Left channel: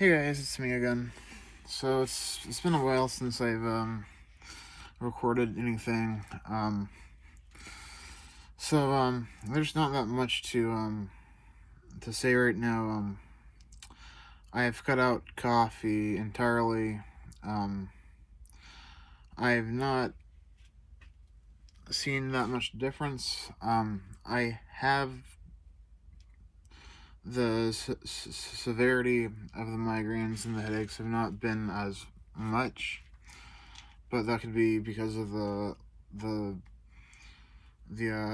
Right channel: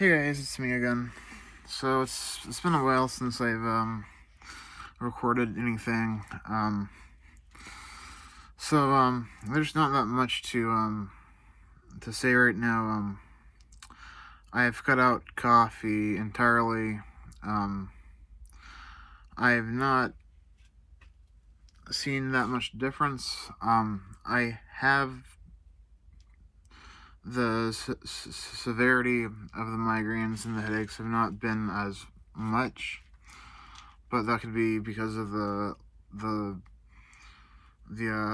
Hey guys, it's me again. So it's been a while since I've recorded anything. There's not that much to say right now. I've cut out coffee entirely. Um, I've not seen that much difference. I have the severity of the migraines and the headaches have not been as much, but that could be because of the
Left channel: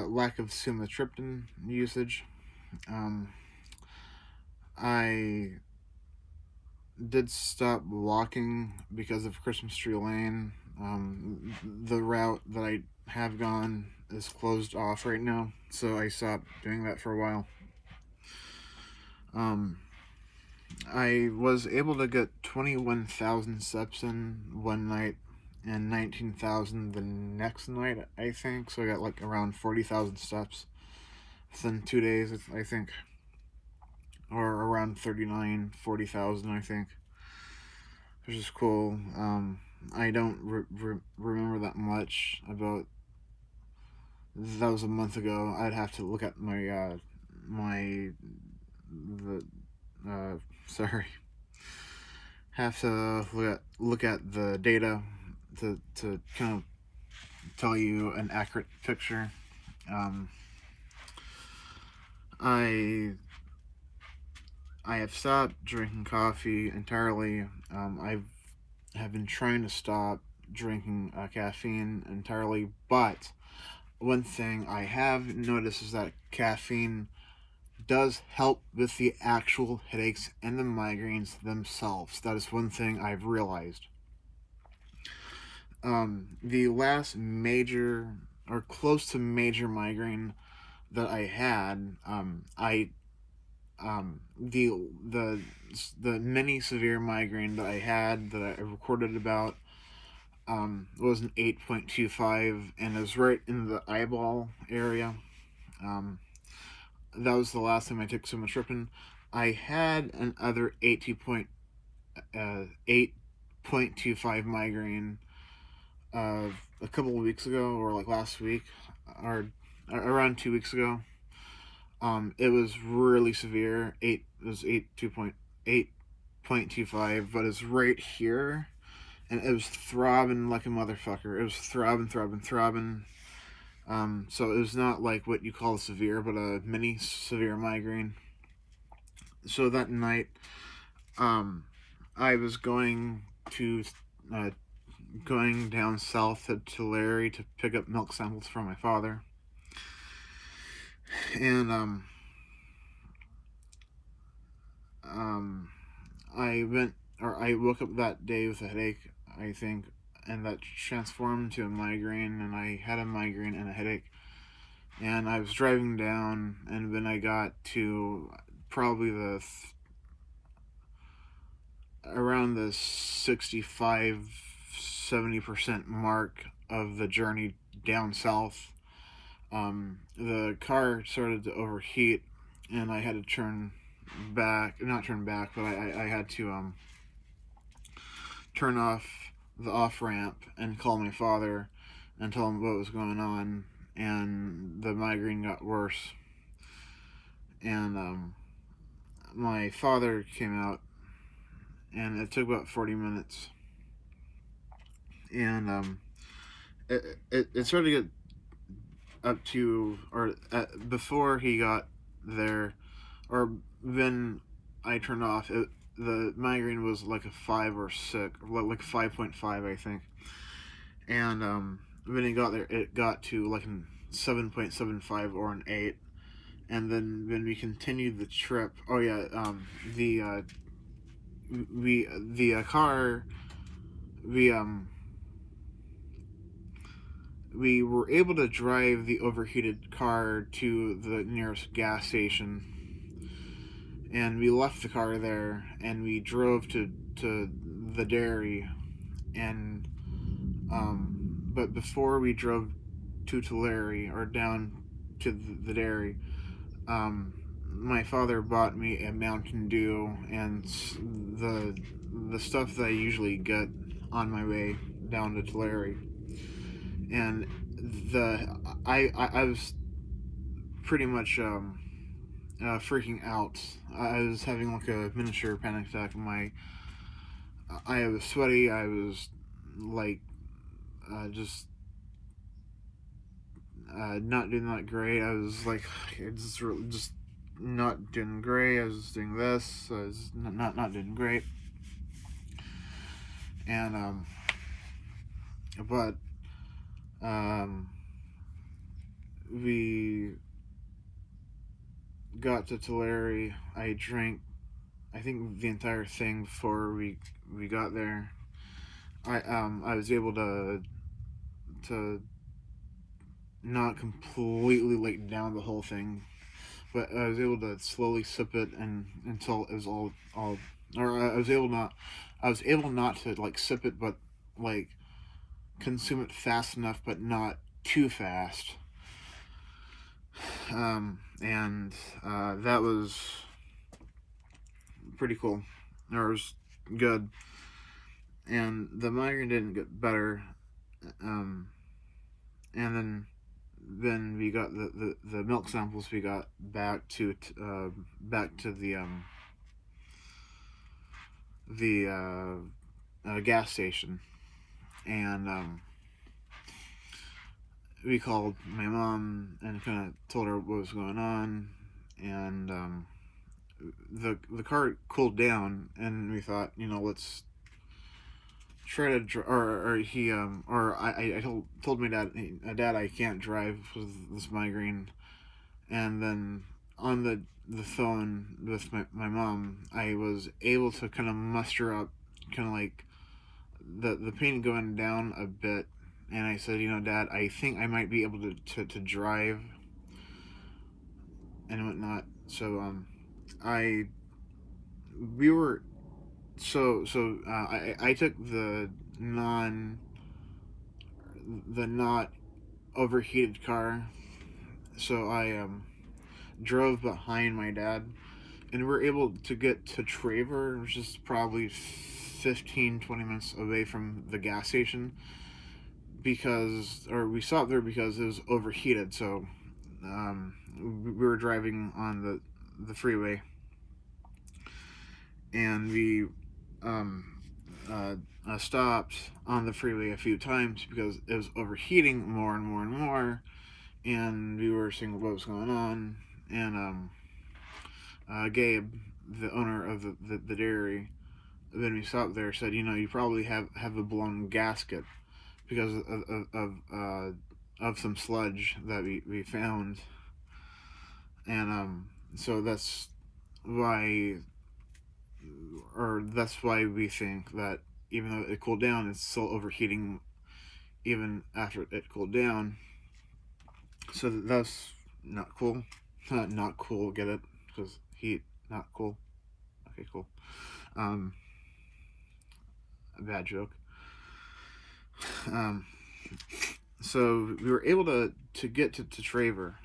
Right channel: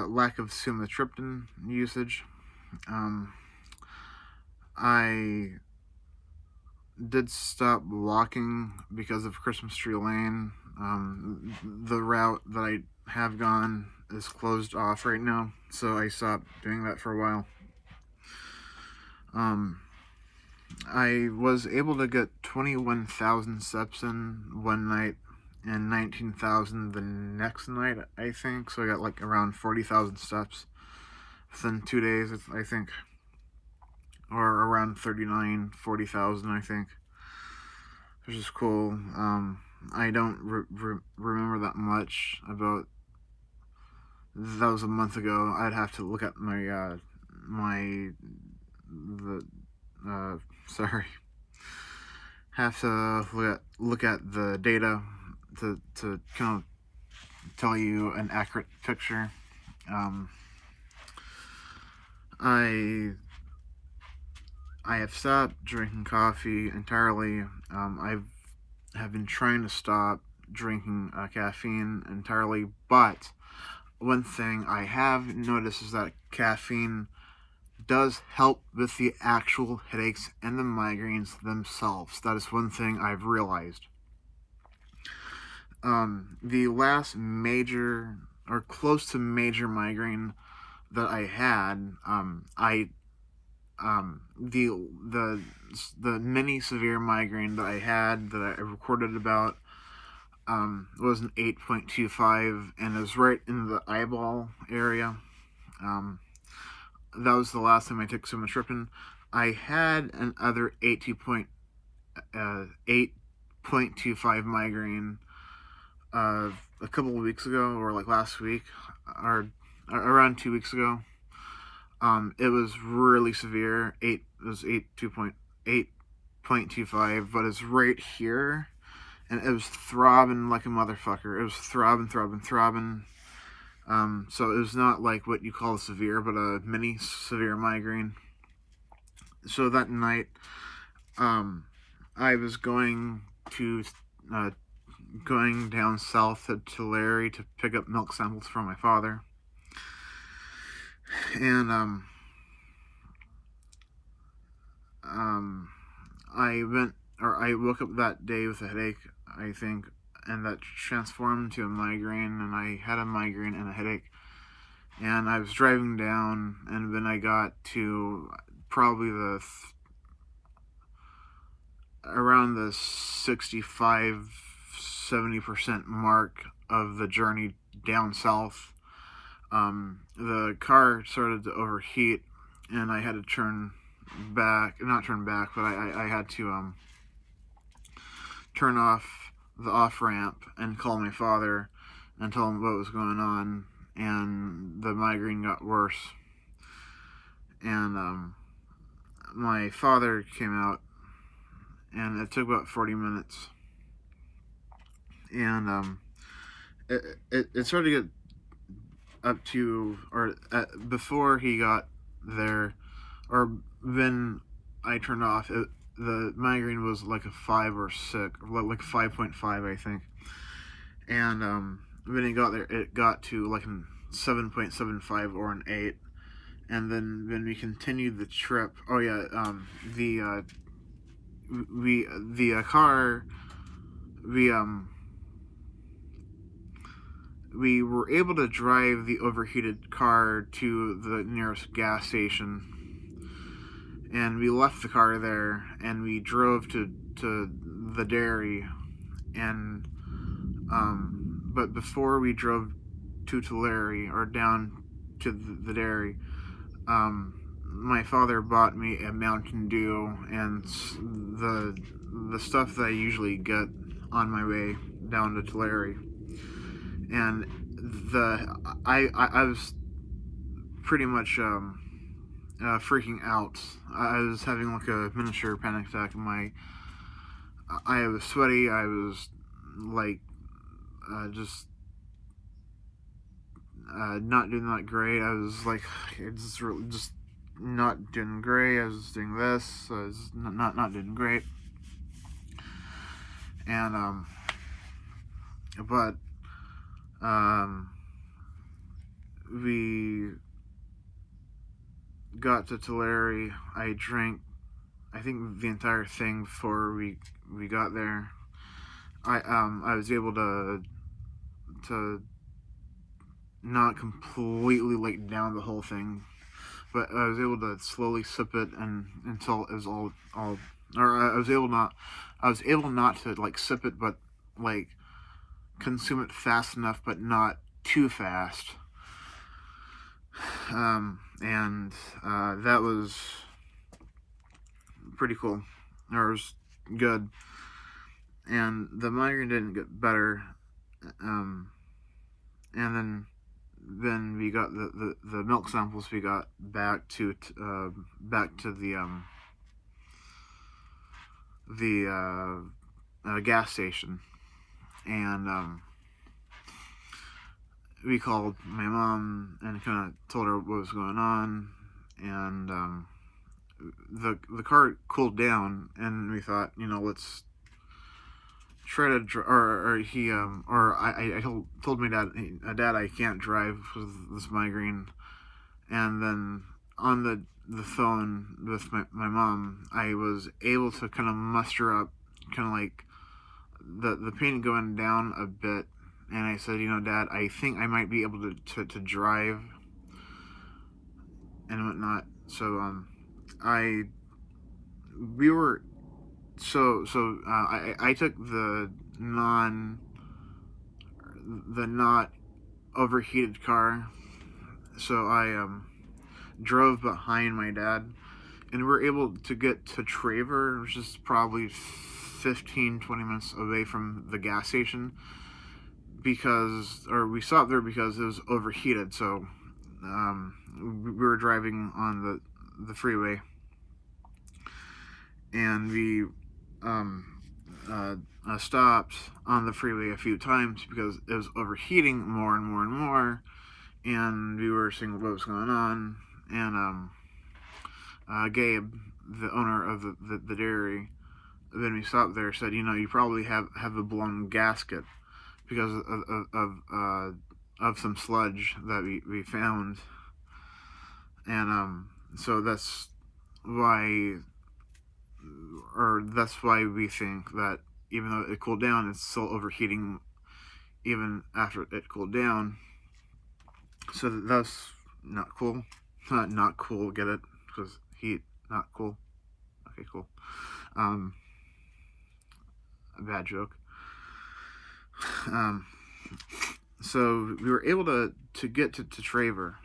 lack of sumatriptan usage. Um, I did stop walking because of Christmas Tree Lane. The route that I have gone is closed off right now, so I stopped doing that for a while. I was able to get 21,000 steps in one night and 19,000 the next night, I think. So I got like around 40,000 steps within 2 days, I think. Or around 40,000, I think. Which is cool. I don't remember that much about. That was a month ago. I'd have to look at sorry. Have to look at the data to kind of tell you an accurate picture. I have stopped drinking coffee entirely. I have been trying to stop drinking caffeine entirely, but one thing I have noticed is that caffeine does help with the actual headaches and the migraines themselves. That is one thing I've realized. The last major or close to major migraine that I had, the mini severe migraine that I had that I recorded about was an 8.25, and it was right in the eyeball area. That was the last time I took sumatriptan. I had another 8.25 migraine a couple of weeks ago, or like last week, or around 2 weeks ago. It was really severe. It was 8.25, but it's right here, and it was throbbing like a motherfucker. It was throbbing. So it was not like what you call a severe, but a mini severe migraine. So that night, I was going down south to Tulare to pick up milk samples for my father, and I woke up that day with a headache, I think, and that transformed to a migraine, and I had a migraine and a headache. And I was driving down, and then I got to probably around the 65-70% mark of the journey down south. The car started to overheat, and I had to not turn back, but I had to turn off the off ramp and call my father and tell him what was going on, and the migraine got worse. And my father came out, and it took about 40 minutes, and it started to get up to, or before he got there, or then I turned off, the migraine was like a 5 or 6, like 5.5, I think. And when he got there, it got to like a 7.75 or an 8. And then when we continued the trip, we were able to drive the overheated car to the nearest gas station, and we left the car there, and we drove to the dairy, and but before we drove to Tulare, or down to the dairy, my father bought me a Mountain Dew and the stuff that I usually get on my way down to Tulare, and I was pretty much freaking out. I was having like a miniature panic attack. I was sweaty. I was like just not doing that great. I was like just not doing great. I was doing this. I was not doing great. And but we got to Tulare. I drank, I think, the entire thing before we got there. I was able to not completely like down the whole thing, but I was able to slowly sip it and until it was all or I was able not to like sip it, but like consume it fast enough, but not too fast. And that was pretty cool. It was good, and the migraine didn't get better. And then we got the milk samples. We got back to the gas station, and we called my mom and kind of told her what was going on, and the car cooled down, and we thought, let's try to I told my dad, hey, Dad, I can't drive because of this migraine. And then on the phone with my mom, I was able to kind of muster up kind of like the pain going down a bit, and I said, Dad, I think I might be able to drive and whatnot. So I took the not overheated car. So I drove behind my dad, and we were able to get to Traver, which is probably 15-20 minutes away from the gas station, we stopped there because it was overheated. So we were driving on the freeway, and we stopped on the freeway a few times because it was overheating more and more and more, and we were seeing what was going on. And Gabe, the owner of the dairy, then we stopped there, said, you probably have a blown gasket because of some sludge that we found. And so that's why we think that even though it cooled down, it's still overheating even after it cooled down. So that's not cool. Not cool, get it? Because heat, not cool. Okay, cool. A bad joke. So we were able to get to Traver,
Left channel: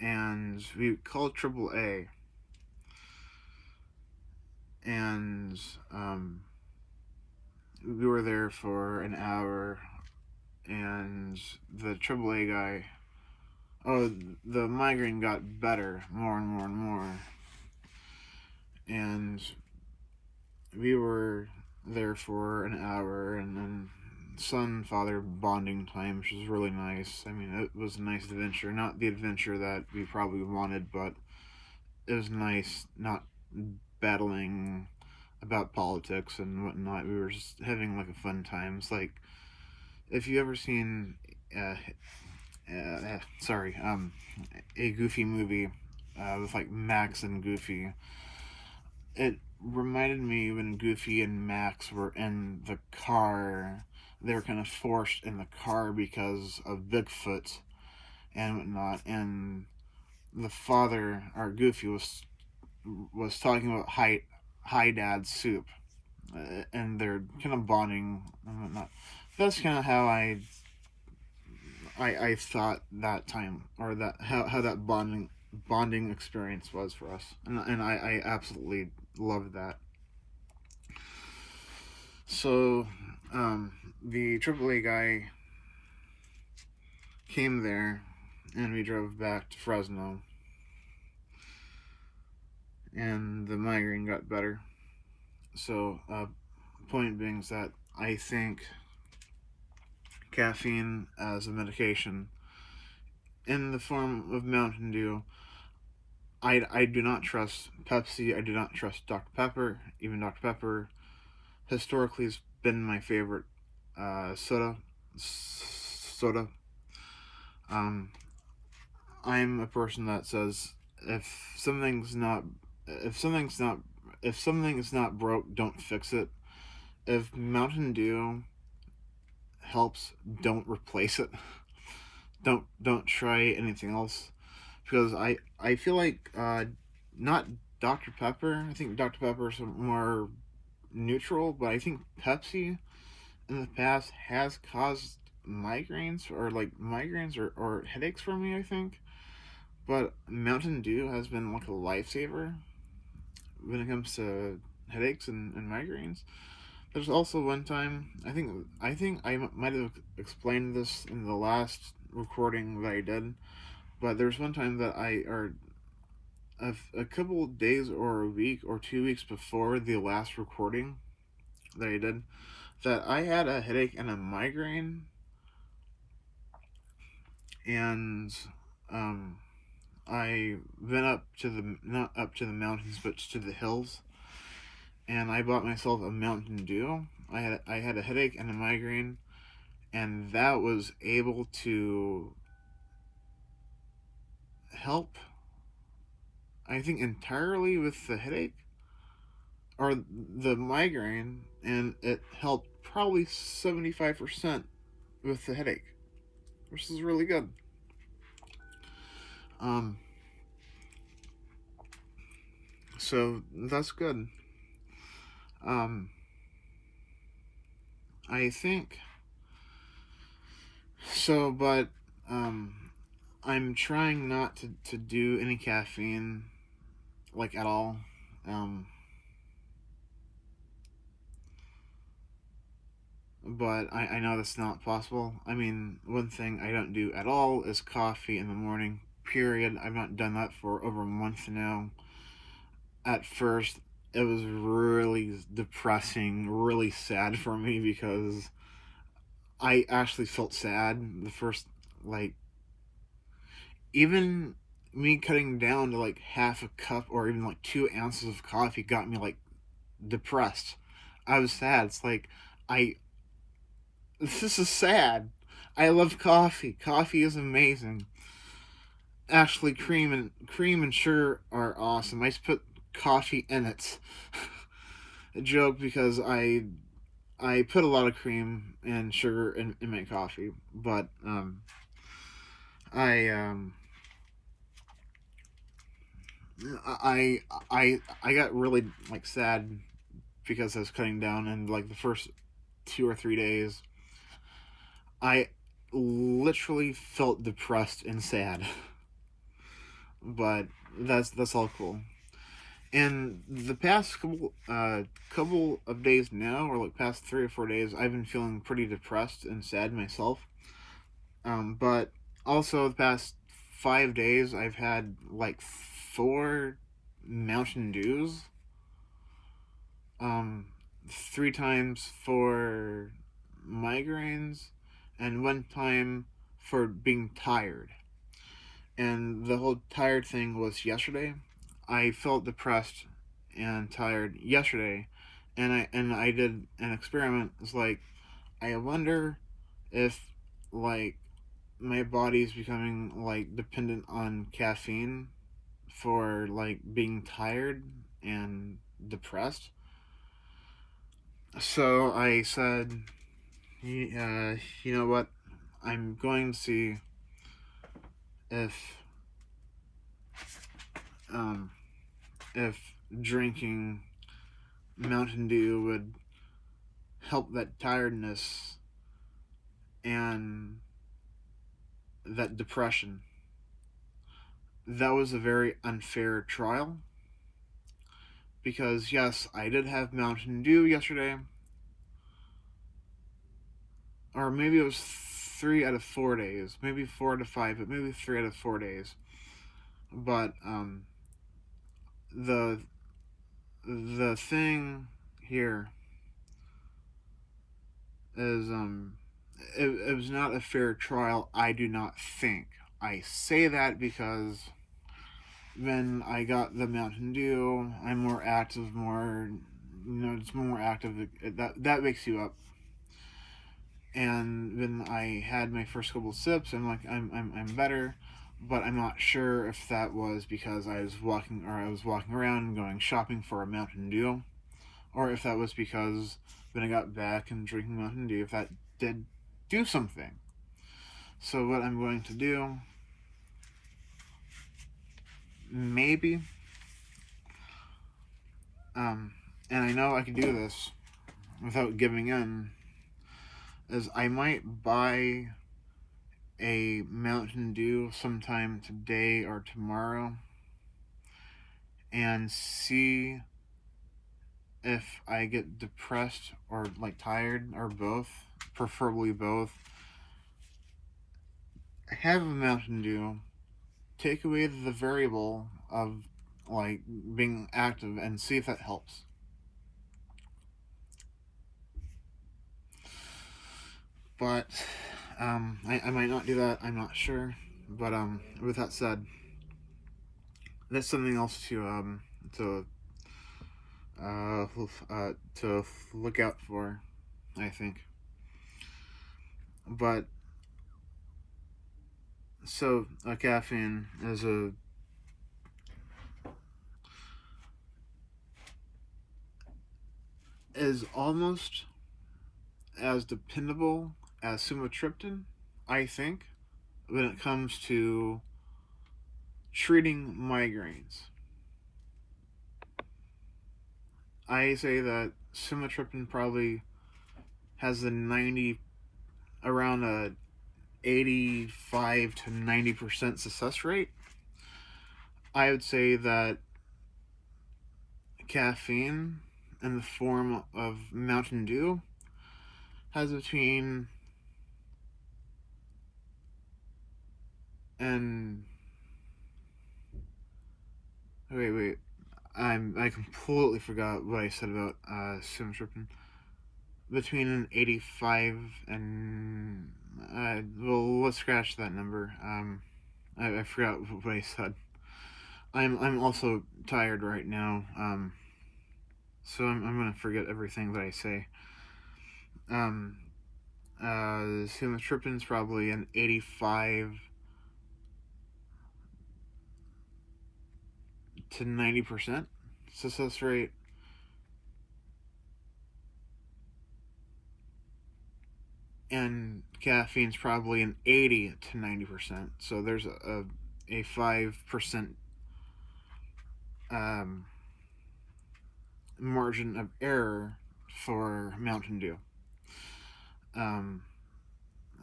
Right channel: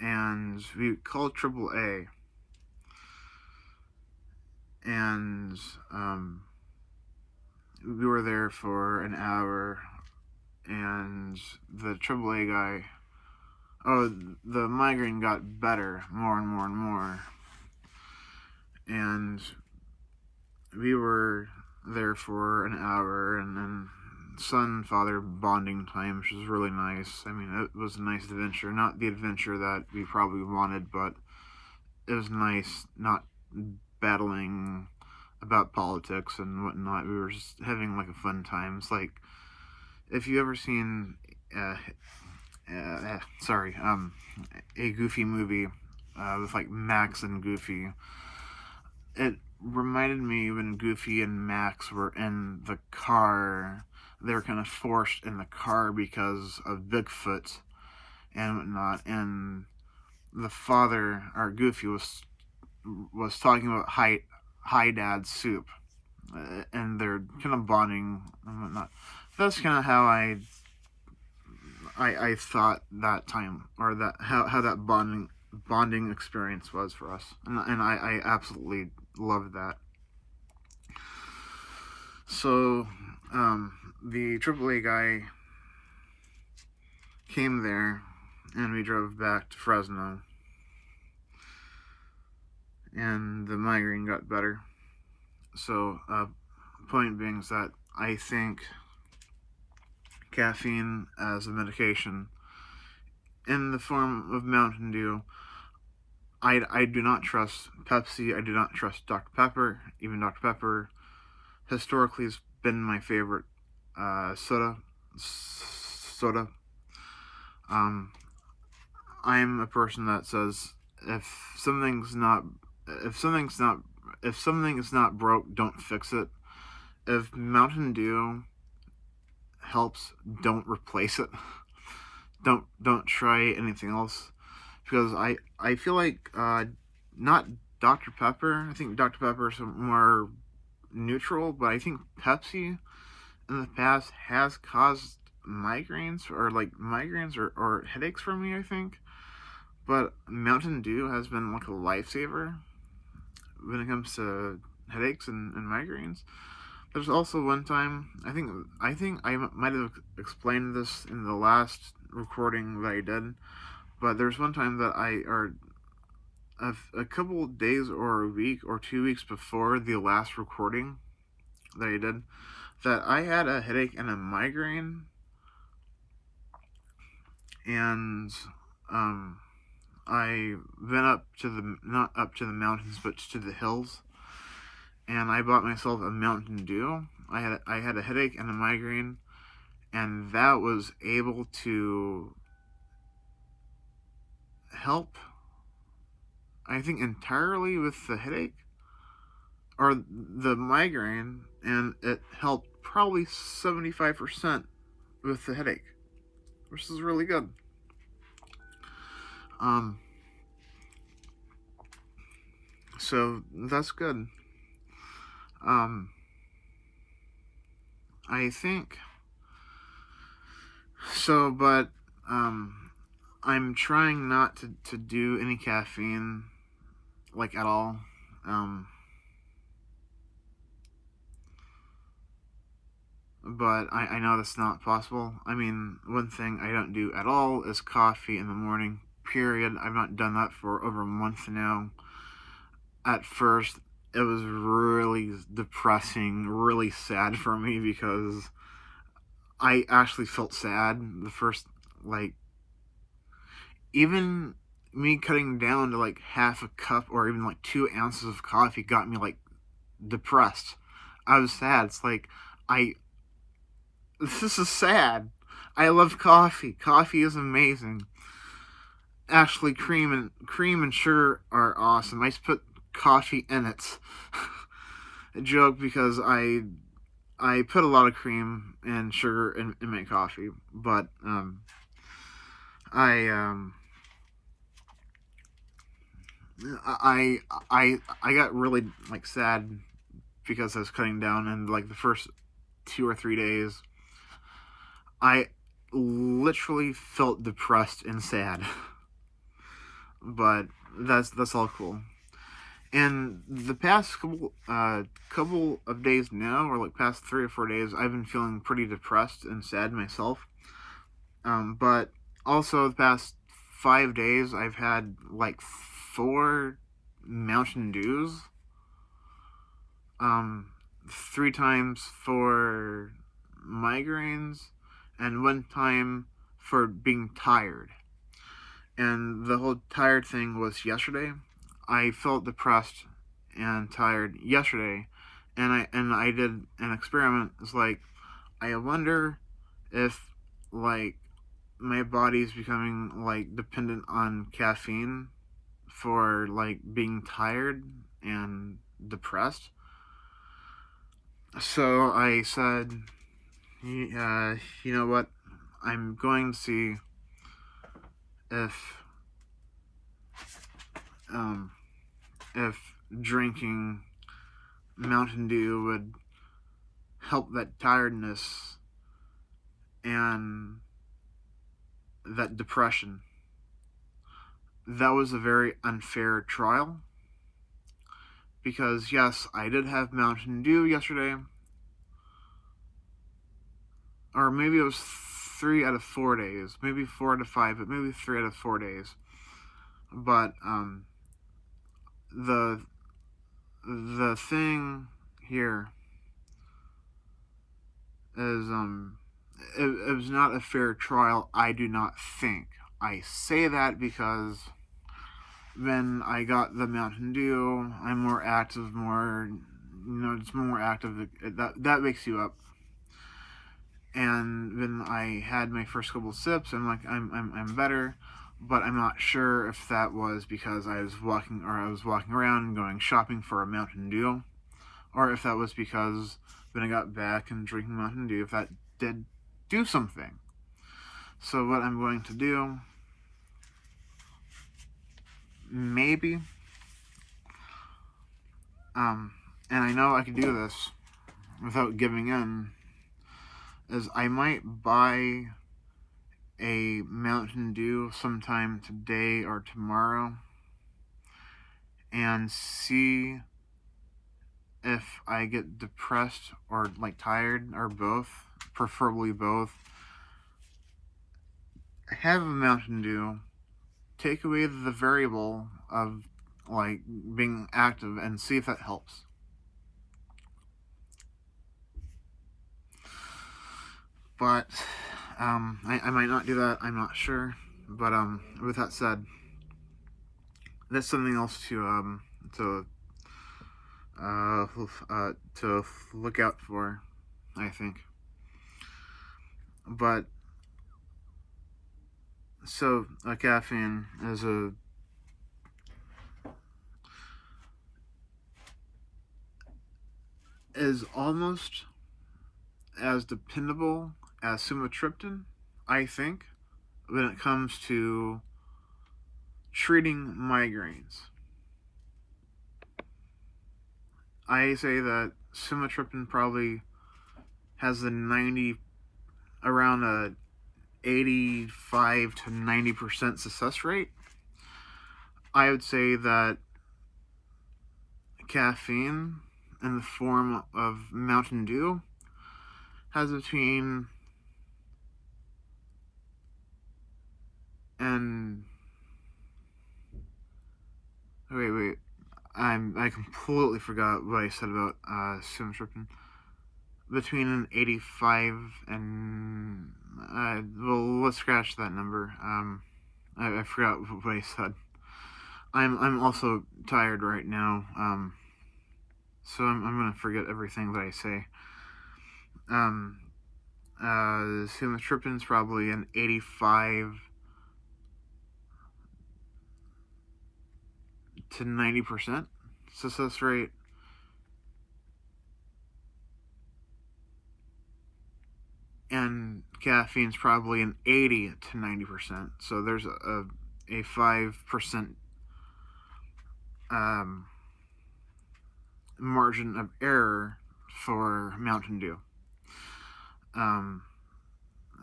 and we called AAA, and we were there for an hour, and the AAA guy, the migraine got better more and more and more, and we were there for an hour, and then son-father bonding time, which was really nice. I mean, it was a nice adventure. Not the adventure that we probably wanted, but it was nice not battling about politics and whatnot. We were just having like a fun time. It's like, if you ever seen a Goofy movie with like Max and Goofy, it reminded me when Goofy and Max were in the car. They were kind of forced in the car because of Bigfoot and whatnot, and the father, or Goofy, was talking about Hi Dad soup, and they're kind of bonding and whatnot. That's kind of how I thought that time, or that how that bonding bonding experience was for us, and I absolutely loved that. So the AAA guy came there, and we drove back to Fresno, and the migraine got better. So point being is that I think caffeine as a medication in the form of Mountain Dew, I do not trust Pepsi. I do not trust Dr. Pepper. Even Dr. Pepper historically has been my favorite soda. I'm a person that says if something's not if something's not if something is not broke, don't fix it. If Mountain Dew helps, don't replace it. Don't try anything else, because I feel like not Dr. Pepper. I think Dr. Pepper is more neutral, but I think Pepsi in the past has caused migraines or headaches for me, I think. But Mountain Dew has been like a lifesaver when it comes to headaches and migraines. There's also one time, I think I might have explained this in the last recording that I did, but there's one time that a couple of days or a week or 2 weeks before the last recording that I did, that I had a headache and a migraine, and I went up to not up to the mountains, but to the hills, and I bought myself a Mountain Dew. I had a headache and a migraine, and that was able to help, I think, entirely with the headache or the migraine, and it helped probably 75% with the headache, which is really good. So that's good. I think so, but I'm trying not to do any caffeine, like, at all. But I know that's not possible. I mean, one thing I don't do at all is coffee in the morning, period. I've not done that for over a month now. At first, it was really depressing, really sad for me, because I actually felt sad the first, like, even me cutting down to like half a cup or even like 2 ounces of coffee got me like depressed. I was sad. It's like, this is sad. I love coffee. Coffee is amazing. Actually, cream and sugar are awesome. I just put coffee in it. A joke, because I put a lot of cream and sugar in my coffee, but I got really like sad because I was cutting down, and like the first 2 or 3 days, I literally felt depressed and sad. But that's all cool. And the past couple of days now, or like past 3 or 4 days, I've been feeling pretty depressed and sad myself. But also the past 5 days, I've had like 4 Mountain Dews. 3 times for migraines, and 1 time for being tired. And the whole tired thing was yesterday. I felt depressed and tired yesterday, and I did an experiment. It's like, I wonder if like my body's becoming like dependent on caffeine for like being tired and depressed. So I said, you know what? I'm going to see if drinking Mountain Dew would help that tiredness and that depression. that was a very unfair trial because, yes, I did have Mountain Dew yesterday, or maybe it was 3 out of 4 days, maybe 4 out of 5, but maybe 3 out of 4 days. But the the thing here is it was not a fair trial. I do not think. I say that because when I got the Mountain Dew, I'm more active, it's more active. That wakes you up. And when I had my first couple of sips, I'm better, but I'm not sure if that was because I was walking around and going shopping for a Mountain Dew, or if that was because when I got back and drinking Mountain Dew, if that did do something. So what I'm going to do, maybe, and I know I can do this without giving in, is I might buy a Mountain Dew sometime today or tomorrow and see if I get depressed or tired or both, preferably both. Have a Mountain Dew, take away the variable of being active and see if that helps. But I might not do that. I'm not sure. But with that said, that's something else to look out for, I think. But so caffeine is almost as dependable as sumatriptan, I think, when it comes to treating migraines. I say that sumatriptan probably has around a 85 to 90% success rate. I would say that caffeine in the form of Mountain Dew has between and wait, I completely forgot what I said about sumatriptan. Between an 85 and well, let's scratch that number. I forgot what I said. I'm also tired right now. So I'm gonna forget everything that I say. Sumatriptan's probably an 85 to 90% success rate. And caffeine's probably an 80 to 90%. So there's a 5% margin of error for Mountain Dew.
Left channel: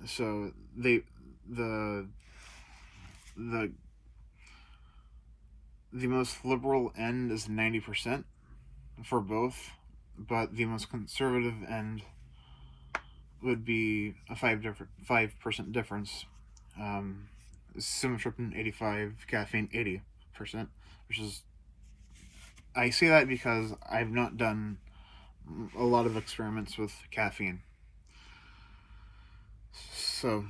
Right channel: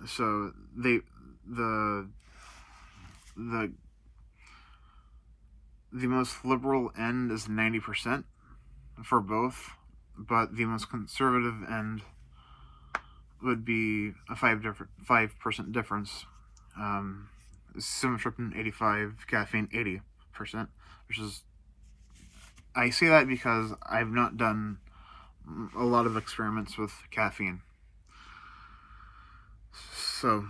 So the most liberal end is 90% for both, but the most conservative end would be a 5% difference. Sumatriptan 85, caffeine 80%, which is, I say that because I've not done a lot of experiments with caffeine. So,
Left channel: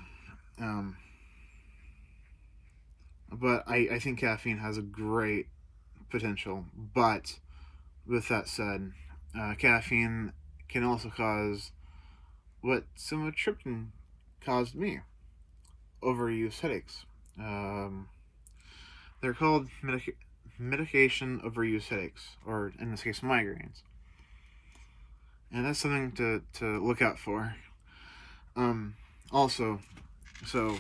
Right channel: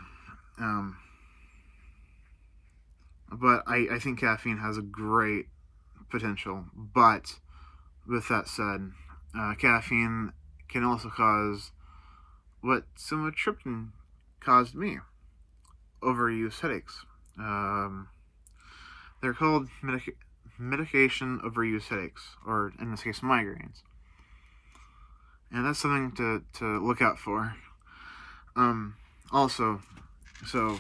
but I think caffeine has a great potential. But with that said, caffeine can also cause what sumatriptan caused me: overuse headaches. They're called medication overuse headaches, or in this case, migraines. And that's something to look out for. Also, so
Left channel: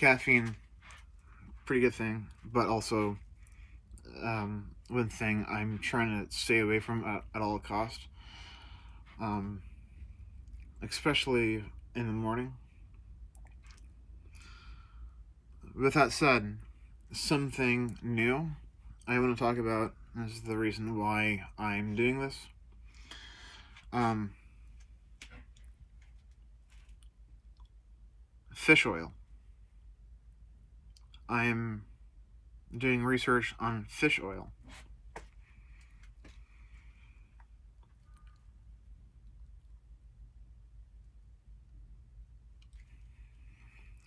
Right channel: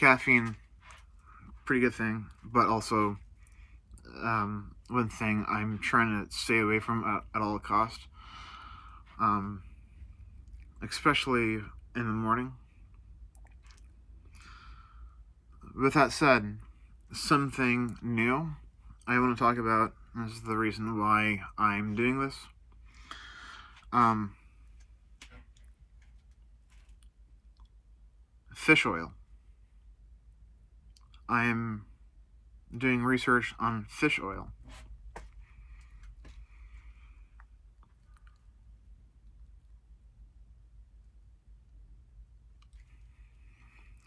caffeine, pretty good thing, but also one thing I'm trying to stay away from at all cost, especially in the morning. With that said, something new I want to talk about. This is the reason why I'm doing this. Fish oil. I am doing research on fish oil.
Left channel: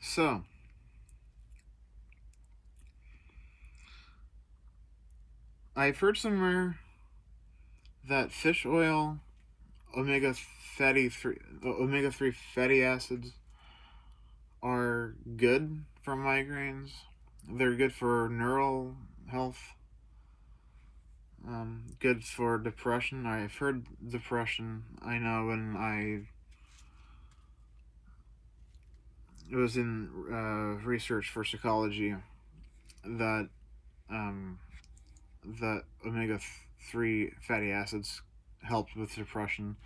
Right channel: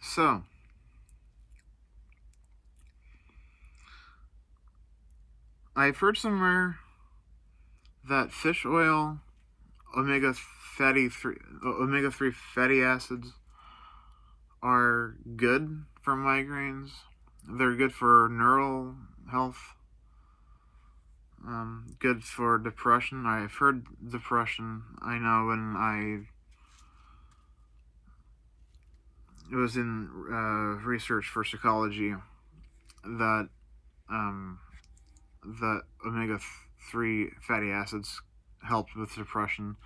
So, I've heard somewhere that fish oil, omega 3 fatty acids are good for migraines. They're good for neural health. Good for depression. I've heard depression. I know when it was in research for psychology that that omega 3 fatty acids helped with depression.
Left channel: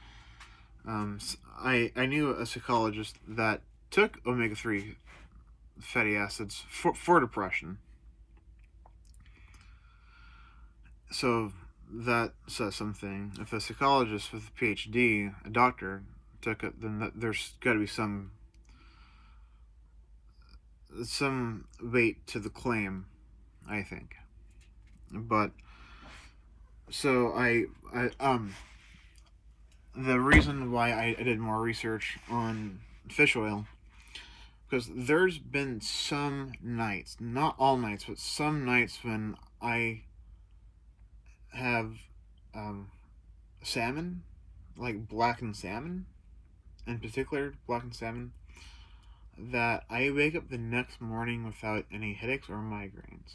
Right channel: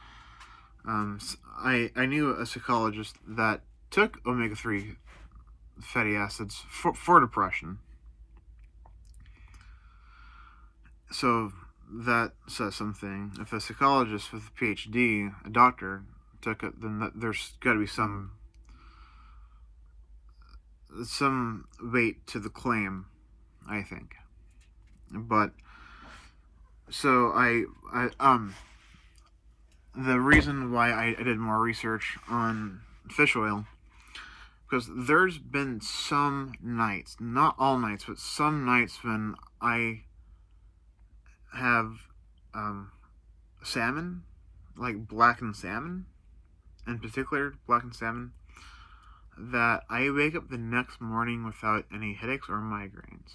I knew a psychologist that took omega 3 fatty acids for depression. So that says something. If a psychologist with a PhD, a doctor, took it, then there's got to be some weight to the claim, I think. But so the reason why I did more research on fish oil, because there's been some nights, not all nights, but some nights when I have salmon, like blackened salmon, in particular blackened salmon, that I wake up the next morning without any headaches or migraines.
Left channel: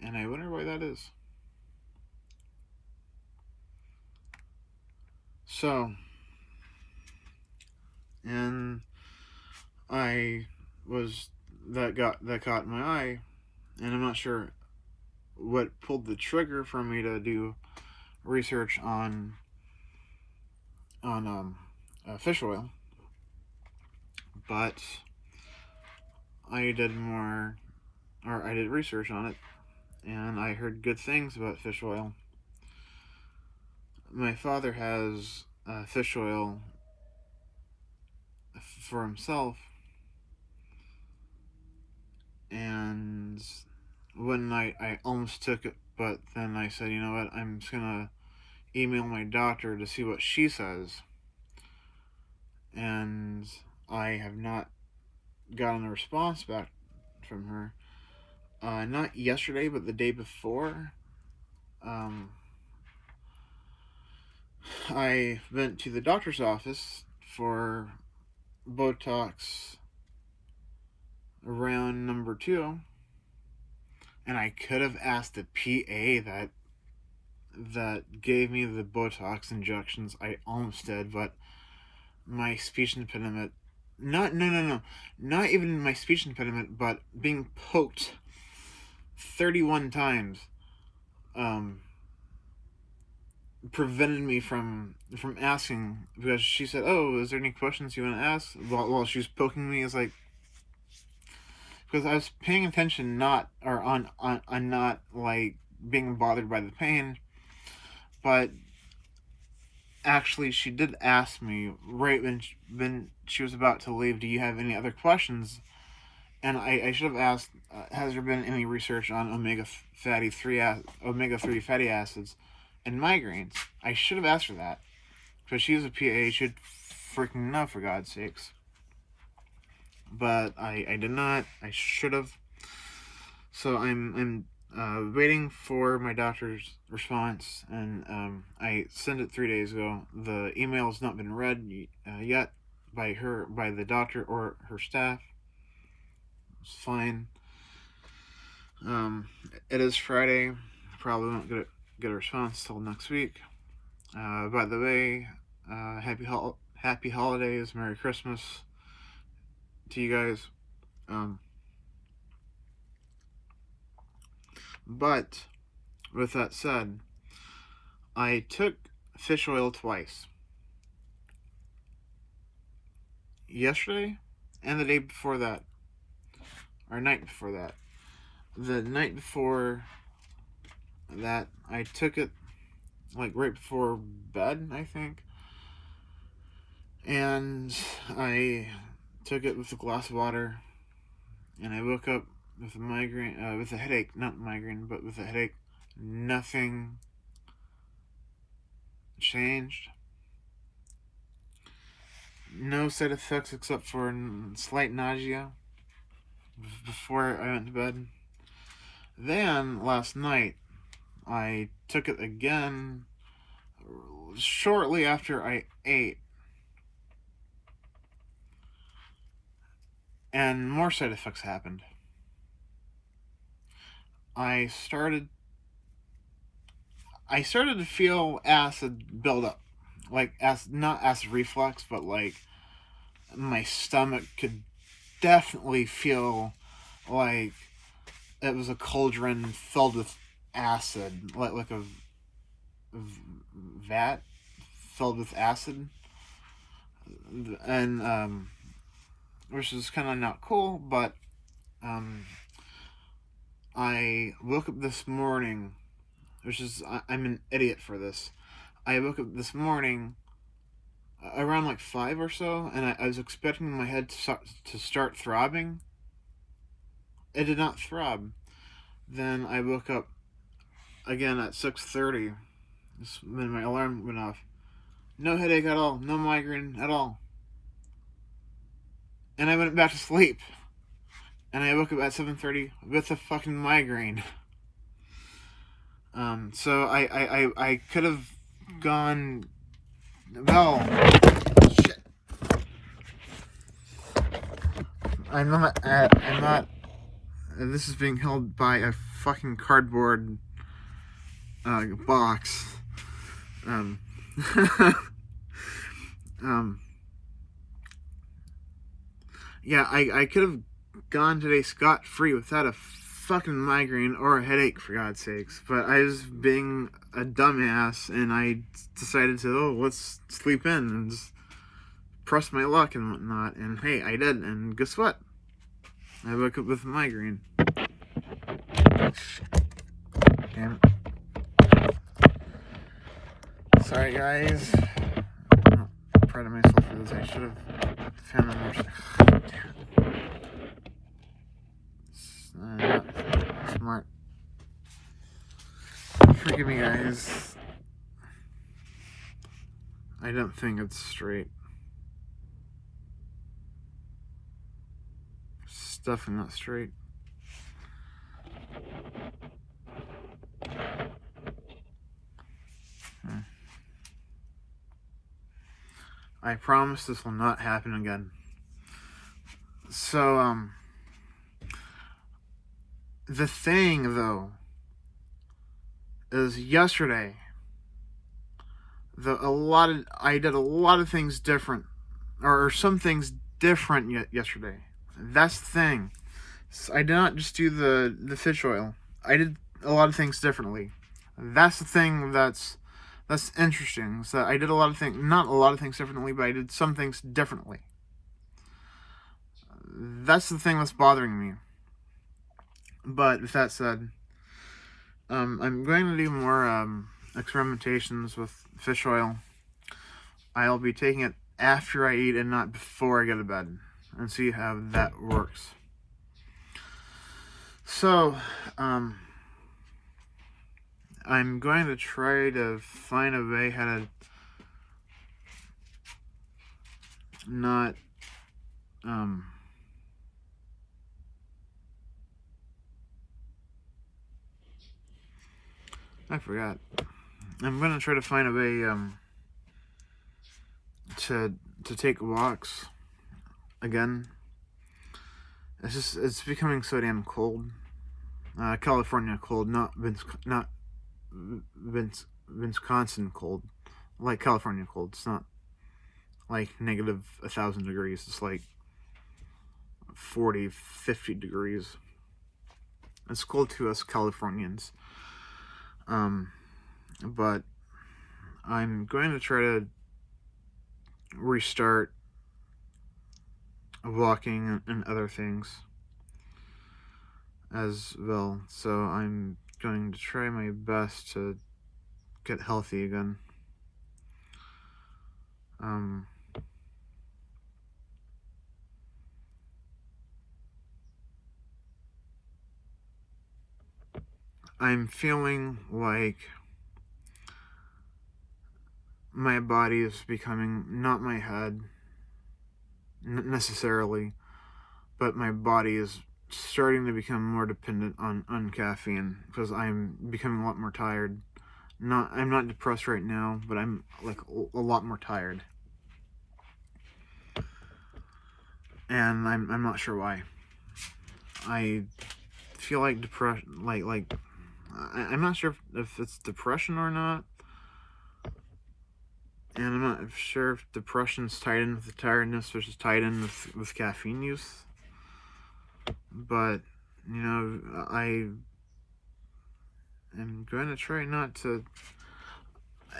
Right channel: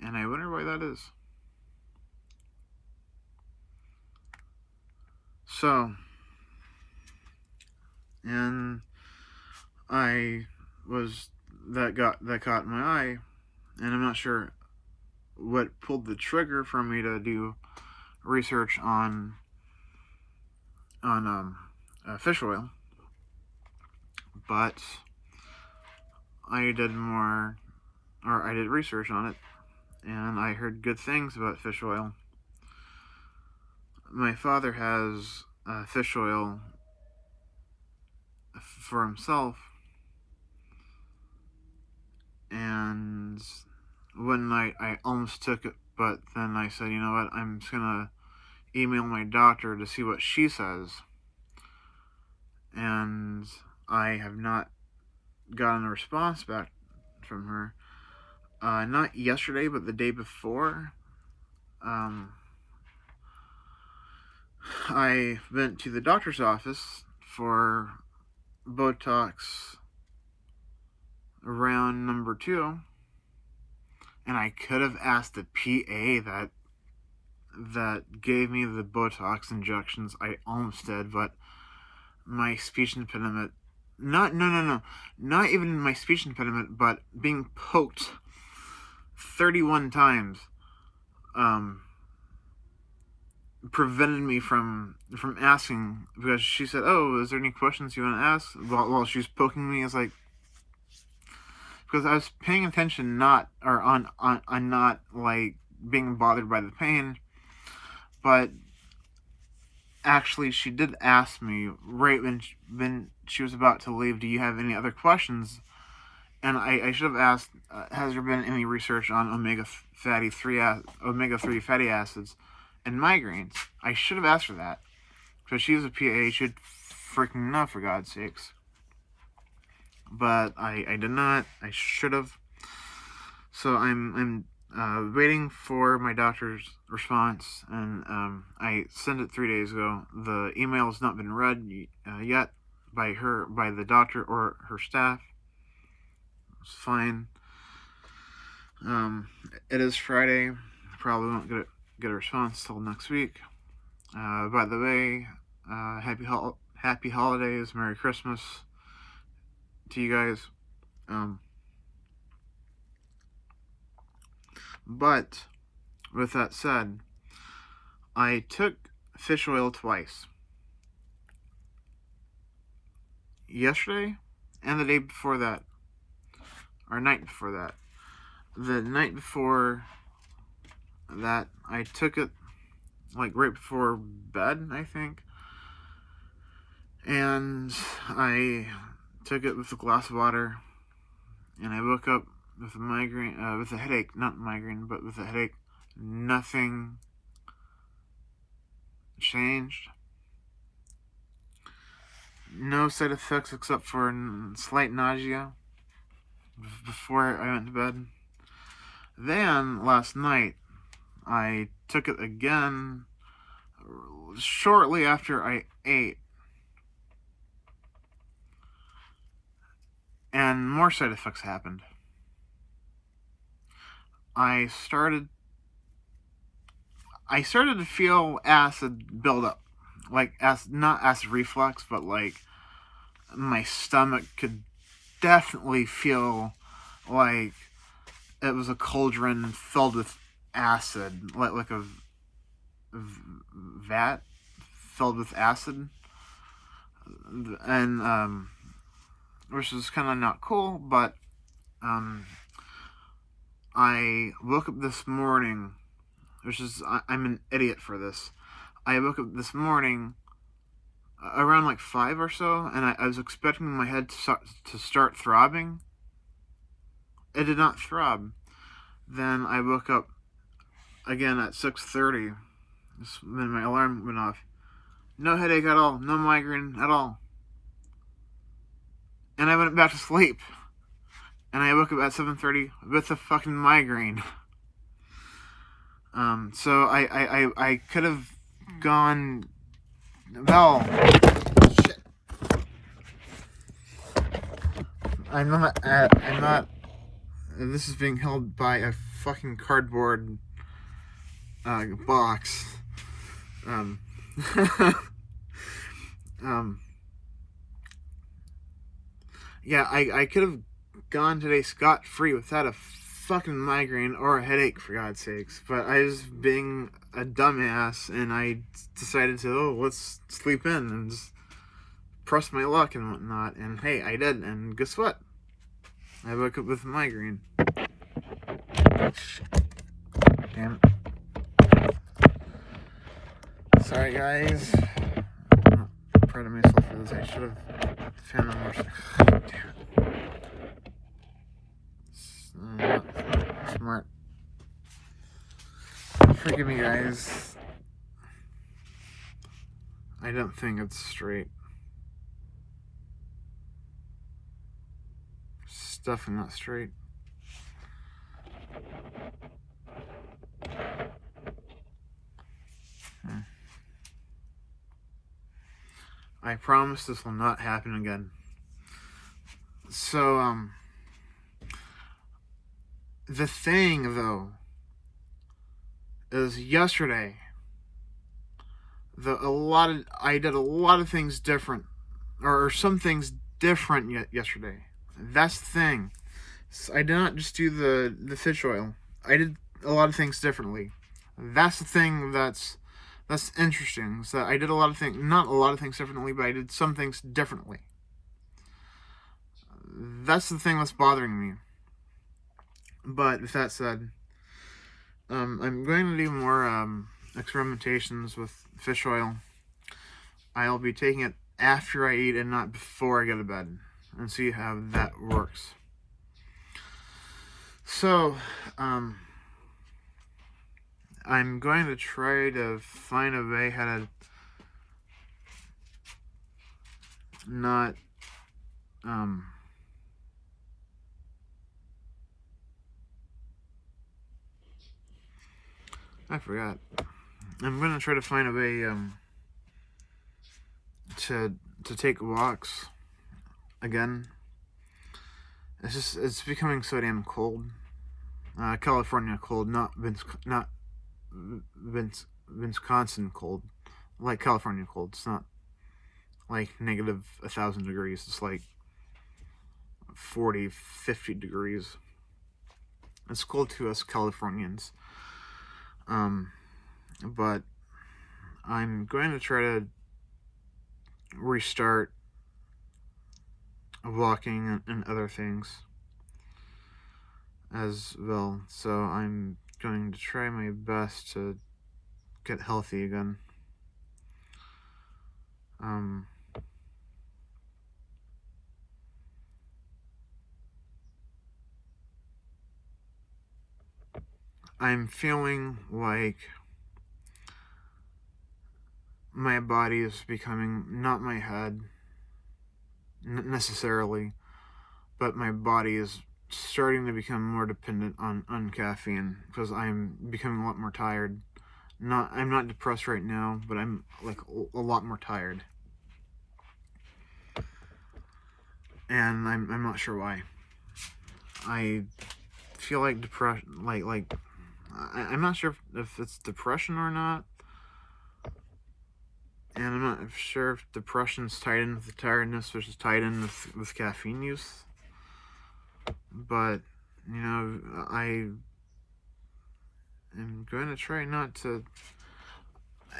And I wonder why that is. So, and that caught my eye, and I'm not sure what pulled the trigger for me to do research on fish oil, but I did research on it, and I heard good things about fish oil. My father has fish oil for himself, and one night I almost took it, but then I said, you know what, I'm just gonna email my doctor to see what she says, and I have not gotten a response back from her. Not yesterday, but the day before. I went to the doctor's office for Botox round number 2, and I could have asked the PA that gave me the Botox injections. I almost did, but my speech impediment, not even my speech impediment, but being poked 31 times prevented me from asking, because she said, oh, is there any questions you want to ask? While she was poking me, it's like, because I was paying attention, not like being bothered by the pain, but actually she did ask me right when she was about to leave, do you have any other questions? And I should have asked, has there been any research on omega 3 fatty acids and migraines? I should have asked her that, because she was a PA. She should freaking know, for God's sakes. But I did not. I should have. So I'm waiting for my doctor's response, and I sent it 3 days ago. The email has not been read yet by the doctor or her staff. It's fine. It is Friday. Probably won't get a response till next week. By the way, happy holidays, Merry Christmas to you guys. But with that said, I took fish oil twice. yesterday and the day before that, or night before that. The night before that, I took it like right before bed, I think, and I took it with a glass of water, and I woke up with a migraine, with a headache, not migraine, but with a headache. Nothing changed. No side effects except for slight nausea before I went to bed. Then, last night, I took it again shortly after I ate. And more side effects happened. I started to feel acid build up. Like, not acid reflux, but like my stomach could definitely feel like it was a cauldron filled with acid, like a vat filled with acid, and which is kind of not cool. But I woke up this morning, which is I'm an idiot for this. I woke up this morning around like 5 or so, and I was expecting my head to start throbbing. It did not throb. Then I woke up again at 6:30. Then my alarm went off. No headache at all. No migraine at all. And I went back to sleep. And I woke up at 7:30 with a fucking migraine. So I could have gone. Well, shit. I'm not. This is being held by a fucking cardboard box. Yeah, I could have gone today scot-free without a fucking migraine or a headache, for God's sakes. But I was being a dumbass, and I decided to, let's sleep in and just press my luck and whatnot. And hey, I did, and guess what? I woke up with a migraine. Damn it. Sorry, guys. I'm not proud of myself for this. I should have found more. Damn it. Not smart. Forgive me, guys. I don't think it's straight. It's definitely not straight. I promise this will not happen again. So, the thing, though, is yesterday, I did a lot of things different, or some things different yesterday. That's the thing. I did not just do the fish oil. I did a lot of things differently. That's the thing that's interesting. So I did not a lot of things differently, but I did some things differently. That's the thing that's bothering me. But with that said, I'm going to do more experimentations with fish oil. I'll be taking it after I eat and not before I go to bed, and see how that works. So, I'm going to try to find a way how to not, I forgot. I'm going to try to find a way, to take walks again. It's becoming so damn cold. California cold, not Wisconsin cold. Like California cold. It's not like negative 1,000 degrees. It's like 40, 50 degrees. It's cold to us Californians. But I'm going to try to restart walking and other things as well. So I'm going to try my best to get healthy again. I'm feeling like my body is becoming, not my head necessarily, but my body is starting to become more dependent on caffeine because I'm becoming a lot more tired. I'm not depressed right now, but I'm like a lot more tired. And I'm not sure why. I feel like depression, I'm not sure if it's depression or not. And I'm not sure if depression's tied in with the tiredness versus tied in with caffeine use. But, I am going to try not to.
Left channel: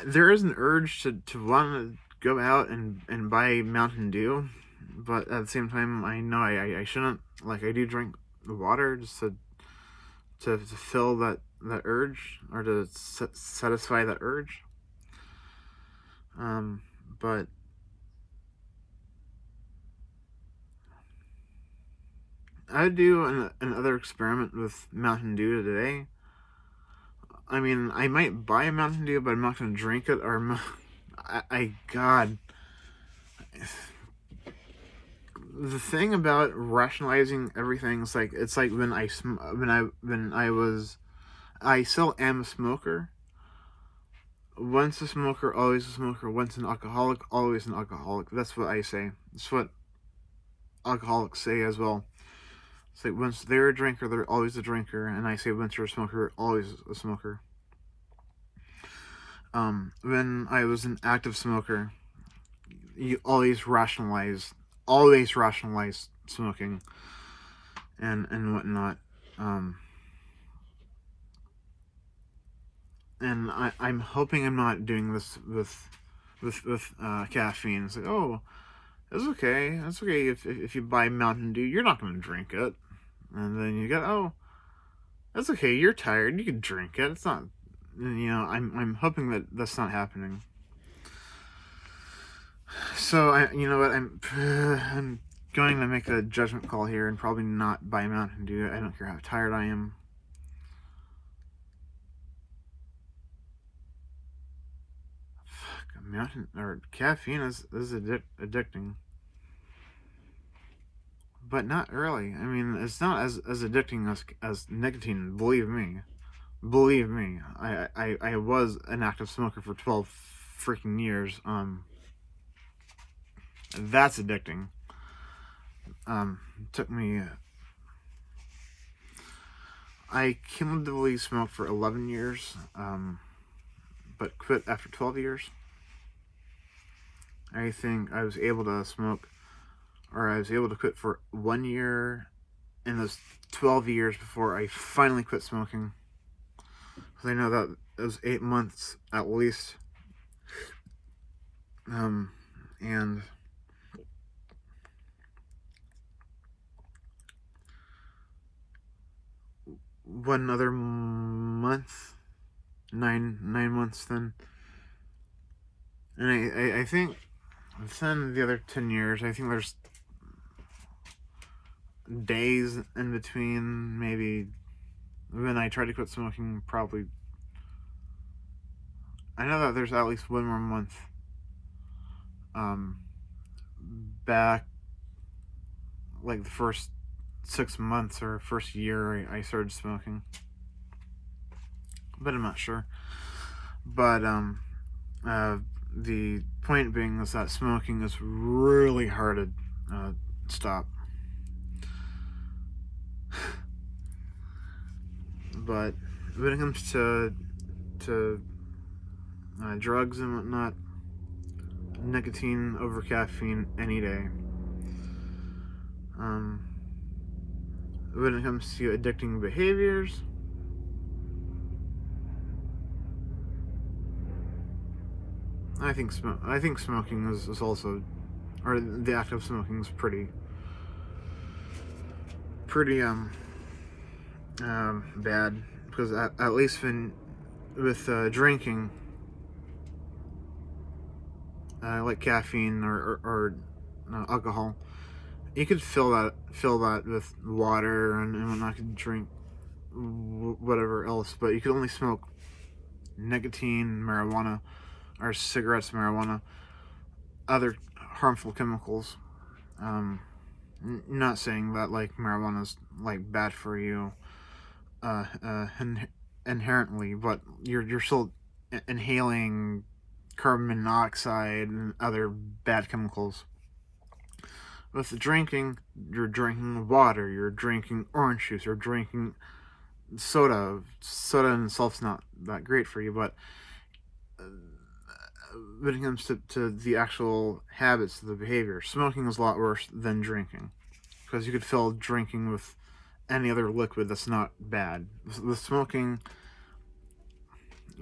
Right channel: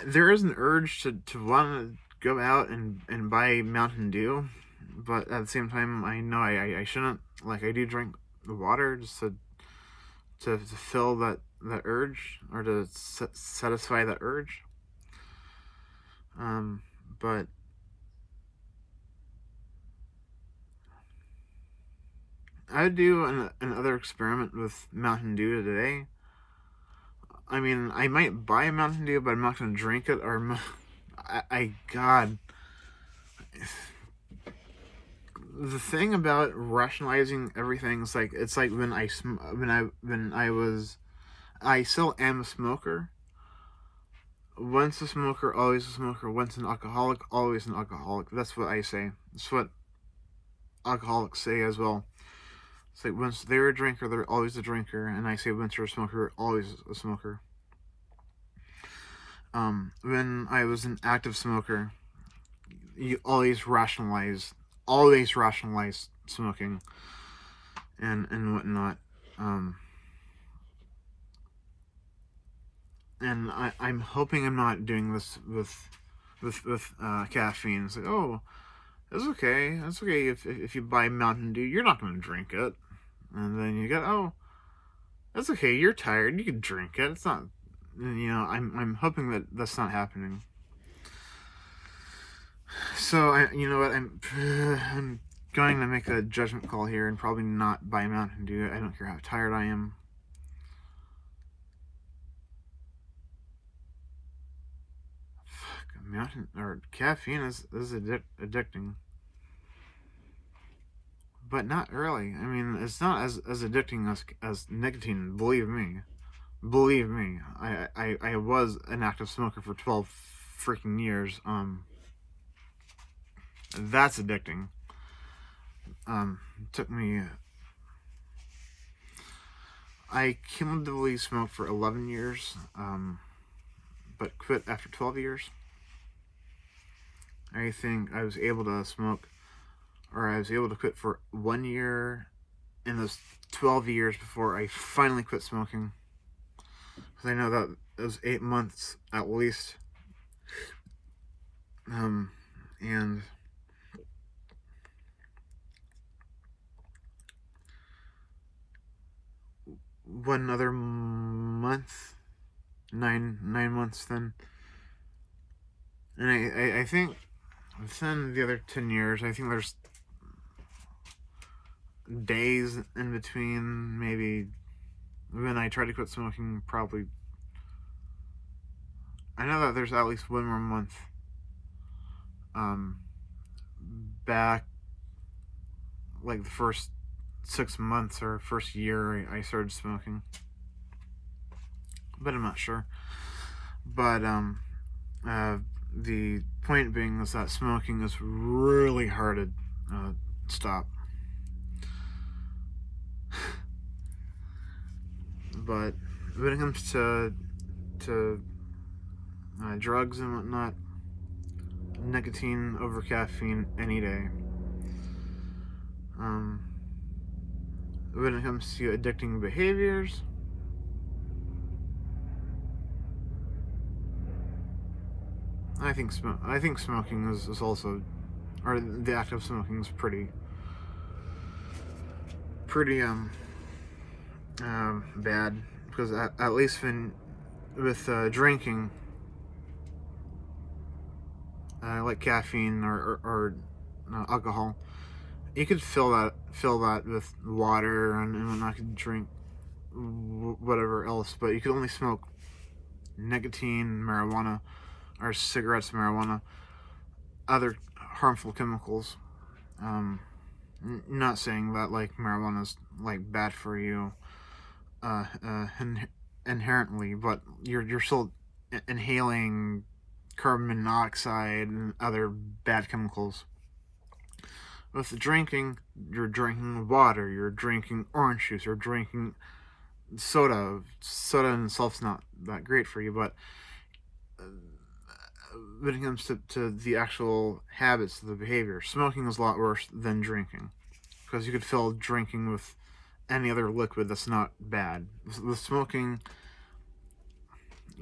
There is an urge to want to go out and buy Mountain Dew. But at the same time, I know I shouldn't. Like, I do drink the water just to fill that urge, or to satisfy that urge. But I do another experiment with Mountain Dew today. I mean, I might buy a Mountain Dew, but I'm not going to drink it. Or God, the thing about rationalizing everything is like, it's like when I still am a smoker. Once a smoker, always a smoker. Once an alcoholic, always an alcoholic. That's what I say. That's what alcoholics say as well. It's like, once they're a drinker, they're always a drinker. And I say, once you're a smoker, always a smoker. When I was an active smoker, you always rationalize smoking and whatnot. And I'm hoping I'm not doing this with caffeine. It's like, oh, it's okay. It's okay if you buy Mountain Dew, you're not going to drink it. And then you get, oh, that's okay. You're tired. You can drink it. It's not. I'm hoping that that's not happening. So you know what? I'm going to make a judgment call here and probably not buy Mountain Dew. I don't care how tired I am. Caffeine is addicting, but not really. I mean, it's not as addicting as nicotine. Believe me. I was an active smoker for 12 freaking years. That's addicting. Took me. I cumulatively smoked for 11 years, but quit after 12 years. I think I was able to smoke, or I was able to quit for 1 year in those 12 years before I finally quit smoking. Because I know that it was 8 months at least. And one other month, 9 months then. And I think within the other 10 years, I think there's days in between, maybe, when I tried to quit smoking, probably. I know that there's at least one more month back, like the first 6 months or first year I started smoking, but I'm not sure. But the point being is that smoking is really hard to stop. But when it comes to drugs and whatnot, nicotine over caffeine any day. When it comes to addicting behaviors, I think smoking is also, or the act of smoking is pretty pretty bad, because at least with drinking, like caffeine or alcohol, you could fill that with water and whatnot. You could drink whatever else, but you could only smoke nicotine, marijuana, or cigarettes, marijuana, other harmful chemicals. Not saying that like marijuana is like bad for you inherently, but you're still inhaling carbon monoxide and other bad chemicals. With the drinking, you're drinking water, you're drinking orange juice, you're drinking soda. Soda in itself's not that great for you, but when it comes to the actual habits, the behavior, smoking is a lot worse than drinking, because you could fill drinking with any other liquid that's not bad. With smoking,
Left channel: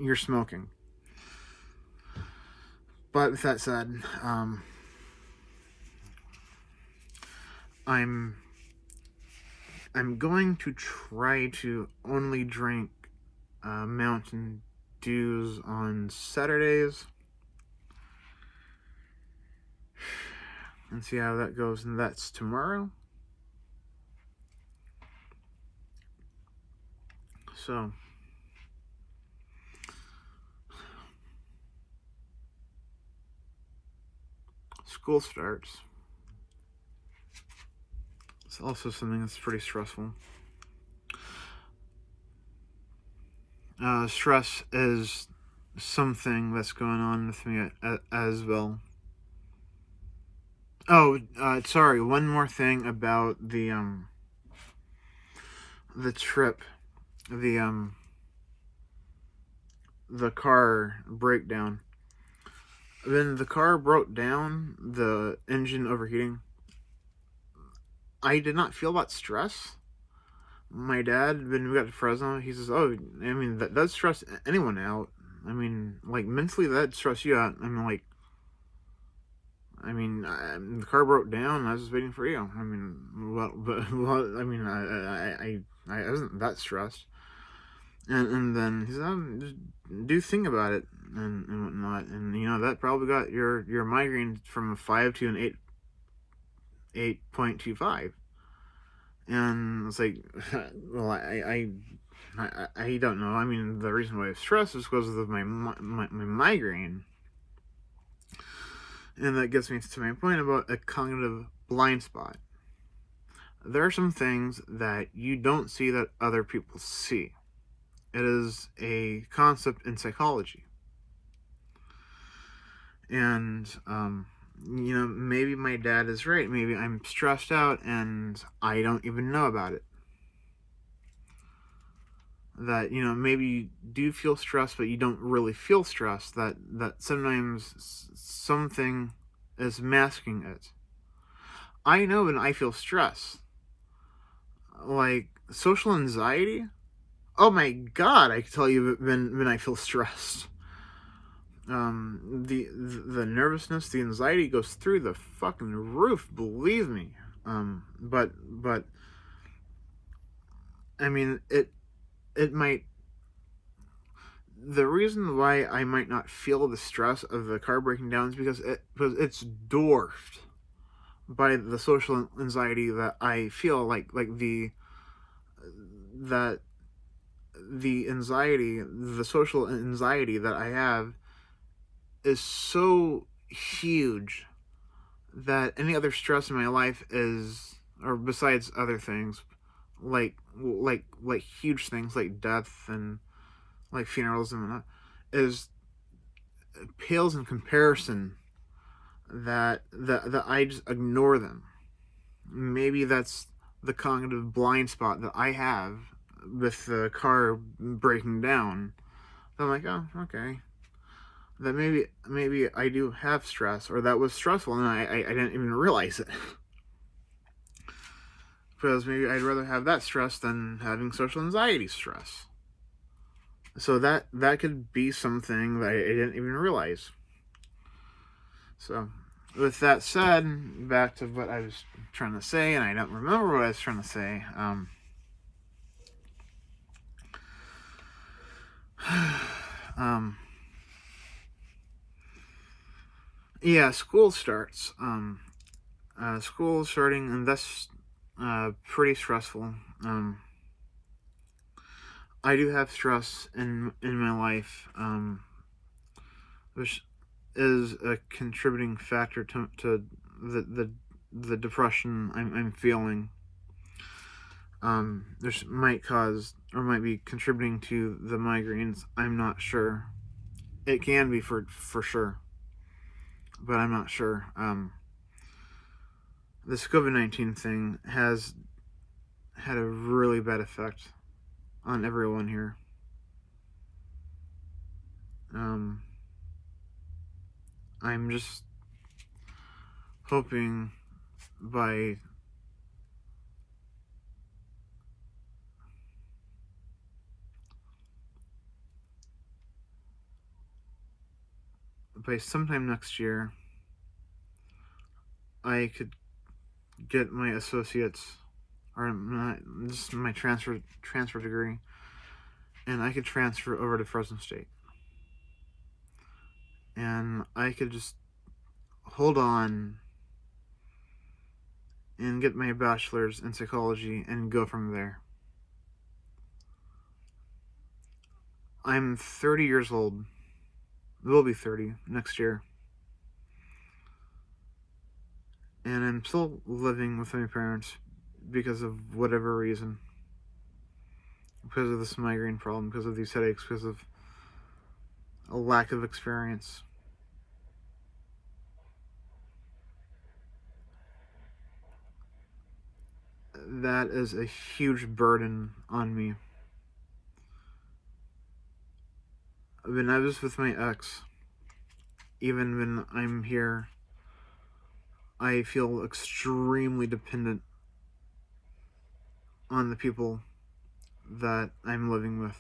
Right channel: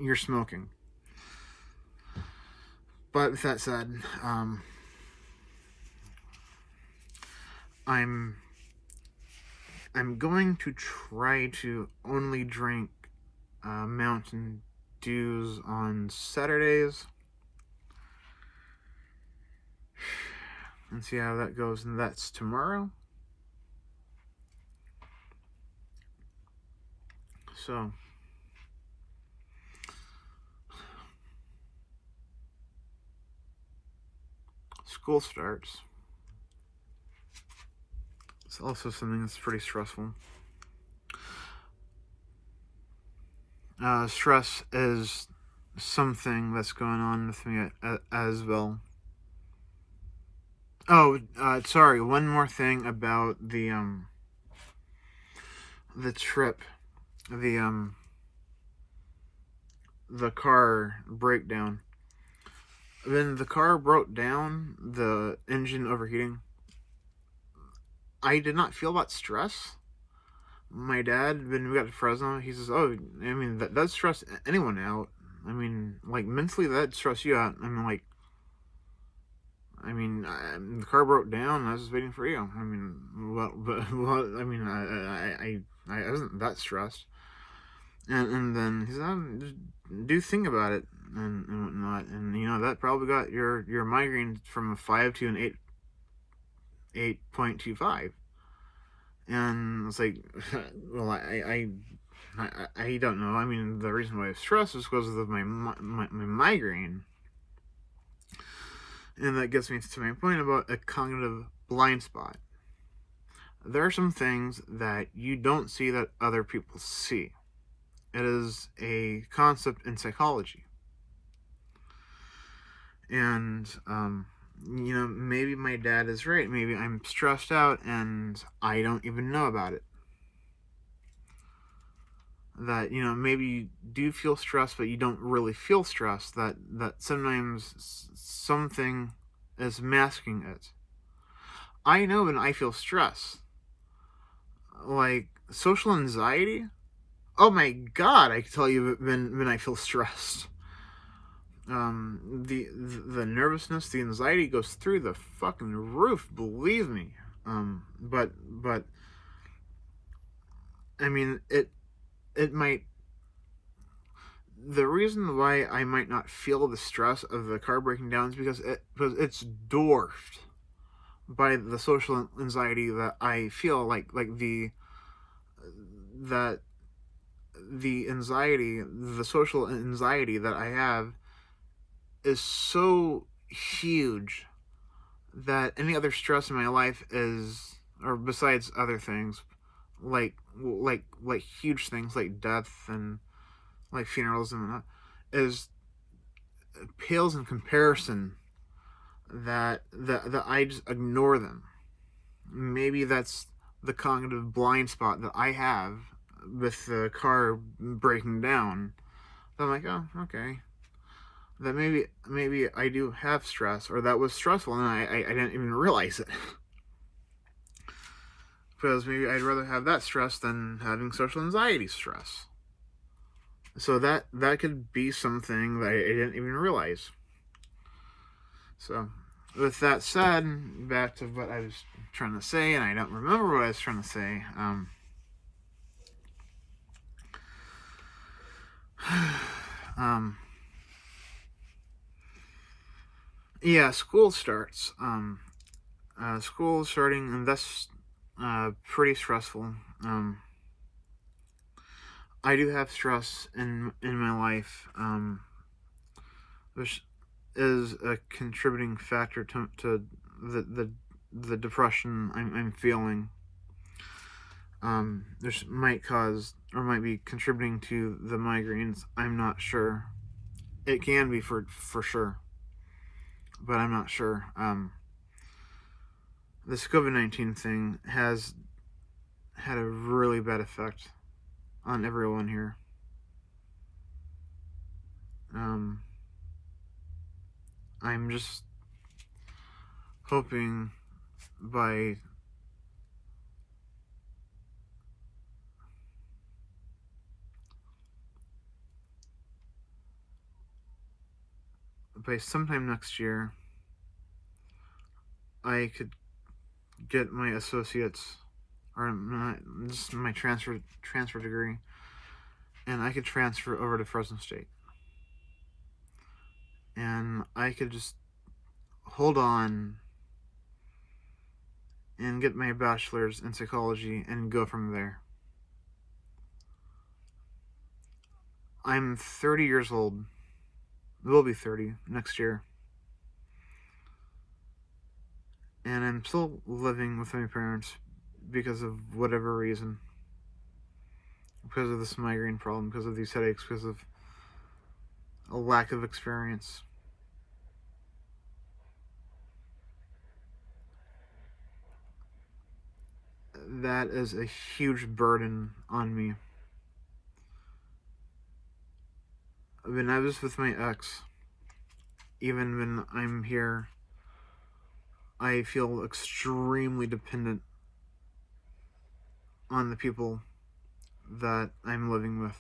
you're smoking. But with that said, I'm going to try to only drink Mountain Dews on Saturdays and see how that goes. And that's tomorrow. So school starts. It's also something that's pretty stressful. Stress is something that's going on with me as well. Oh, sorry. One more thing about the trip, the car breakdown. When the car broke down, the engine overheating, I did not feel that stress. My dad, when we got to Fresno, he says, "Oh, I mean, that stress anyone out. I mean, like, mentally, that stress you out." The car broke down, and I was just waiting for you. I mean, I wasn't that stressed. And then he said, just do think about it and whatnot. And, that probably got your migraine from a 5 to an 8.25. And it's like, well, I don't know. I mean, the reason why I stress is because of my migraine. And that gets me to my point about a cognitive blind spot. There are some things that you don't see that other people see. It is a concept in psychology. And, maybe my dad is right. Maybe I'm stressed out and I don't even know about it. That, maybe you do feel stressed, but you don't really feel stressed. That sometimes something is masking it. I know when I feel stress. Like, social anxiety. Oh my God, I can tell you when I feel stressed. The nervousness, the anxiety goes through the fucking roof, believe me. But I mean, it might. The reason why I might not feel the stress of the car breaking down is because it's dwarfed by the social anxiety that I feel. Like the anxiety, the social anxiety that I have is so huge that any other stress in my life is, or besides other things, like huge things like death and like funerals and whatnot, pales in comparison. That I just ignore them. Maybe that's the cognitive blind spot that I have with the car breaking down. I'm like, oh, okay. That maybe I do have stress, or that was stressful, and I didn't even realize it. Because maybe I'd rather have that stress than having social anxiety stress. So that could be something that I didn't even realize. So, with that said, back to what I was trying to say, and I don't remember what I was trying to say. Yeah, school starts. School is starting, and that's pretty stressful. I do have stress in my life, which is a contributing factor to the depression I'm feeling. This might cause or might be contributing to the migraines. I'm not sure. It can be for sure, but I'm not sure. This COVID-19 thing has had a really bad effect on everyone here. I'm just hoping by sometime next year, I could get my associates or just my transfer degree, and I could transfer over to Fresno State, and I could just hold on and get my bachelor's in psychology and go from there. I'm 30 years old. Will be 30 next year. And I'm still living with my parents because of whatever reason. Because of this migraine problem, because of these headaches, because of a lack of experience. That is a huge burden on me. When I was with my ex, even when I'm here, I feel extremely dependent on the people that I'm living with.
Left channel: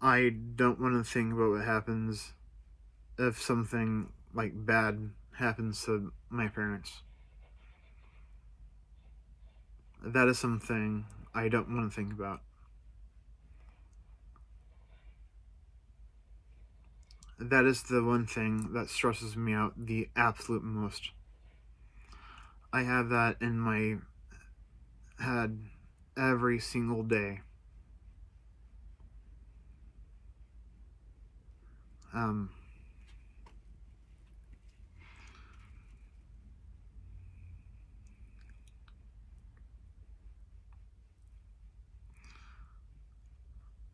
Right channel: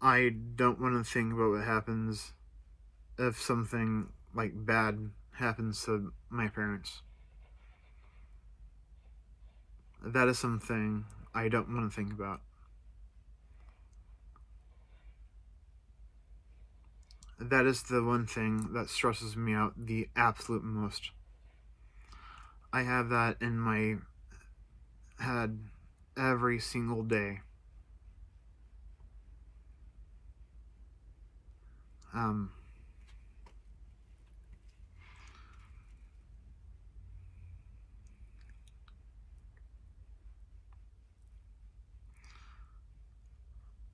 I don't want to think about what happens if something like bad happens to my parents. That is something I don't want to think about. That is the one thing that stresses me out the absolute most. I have that in my head every single day.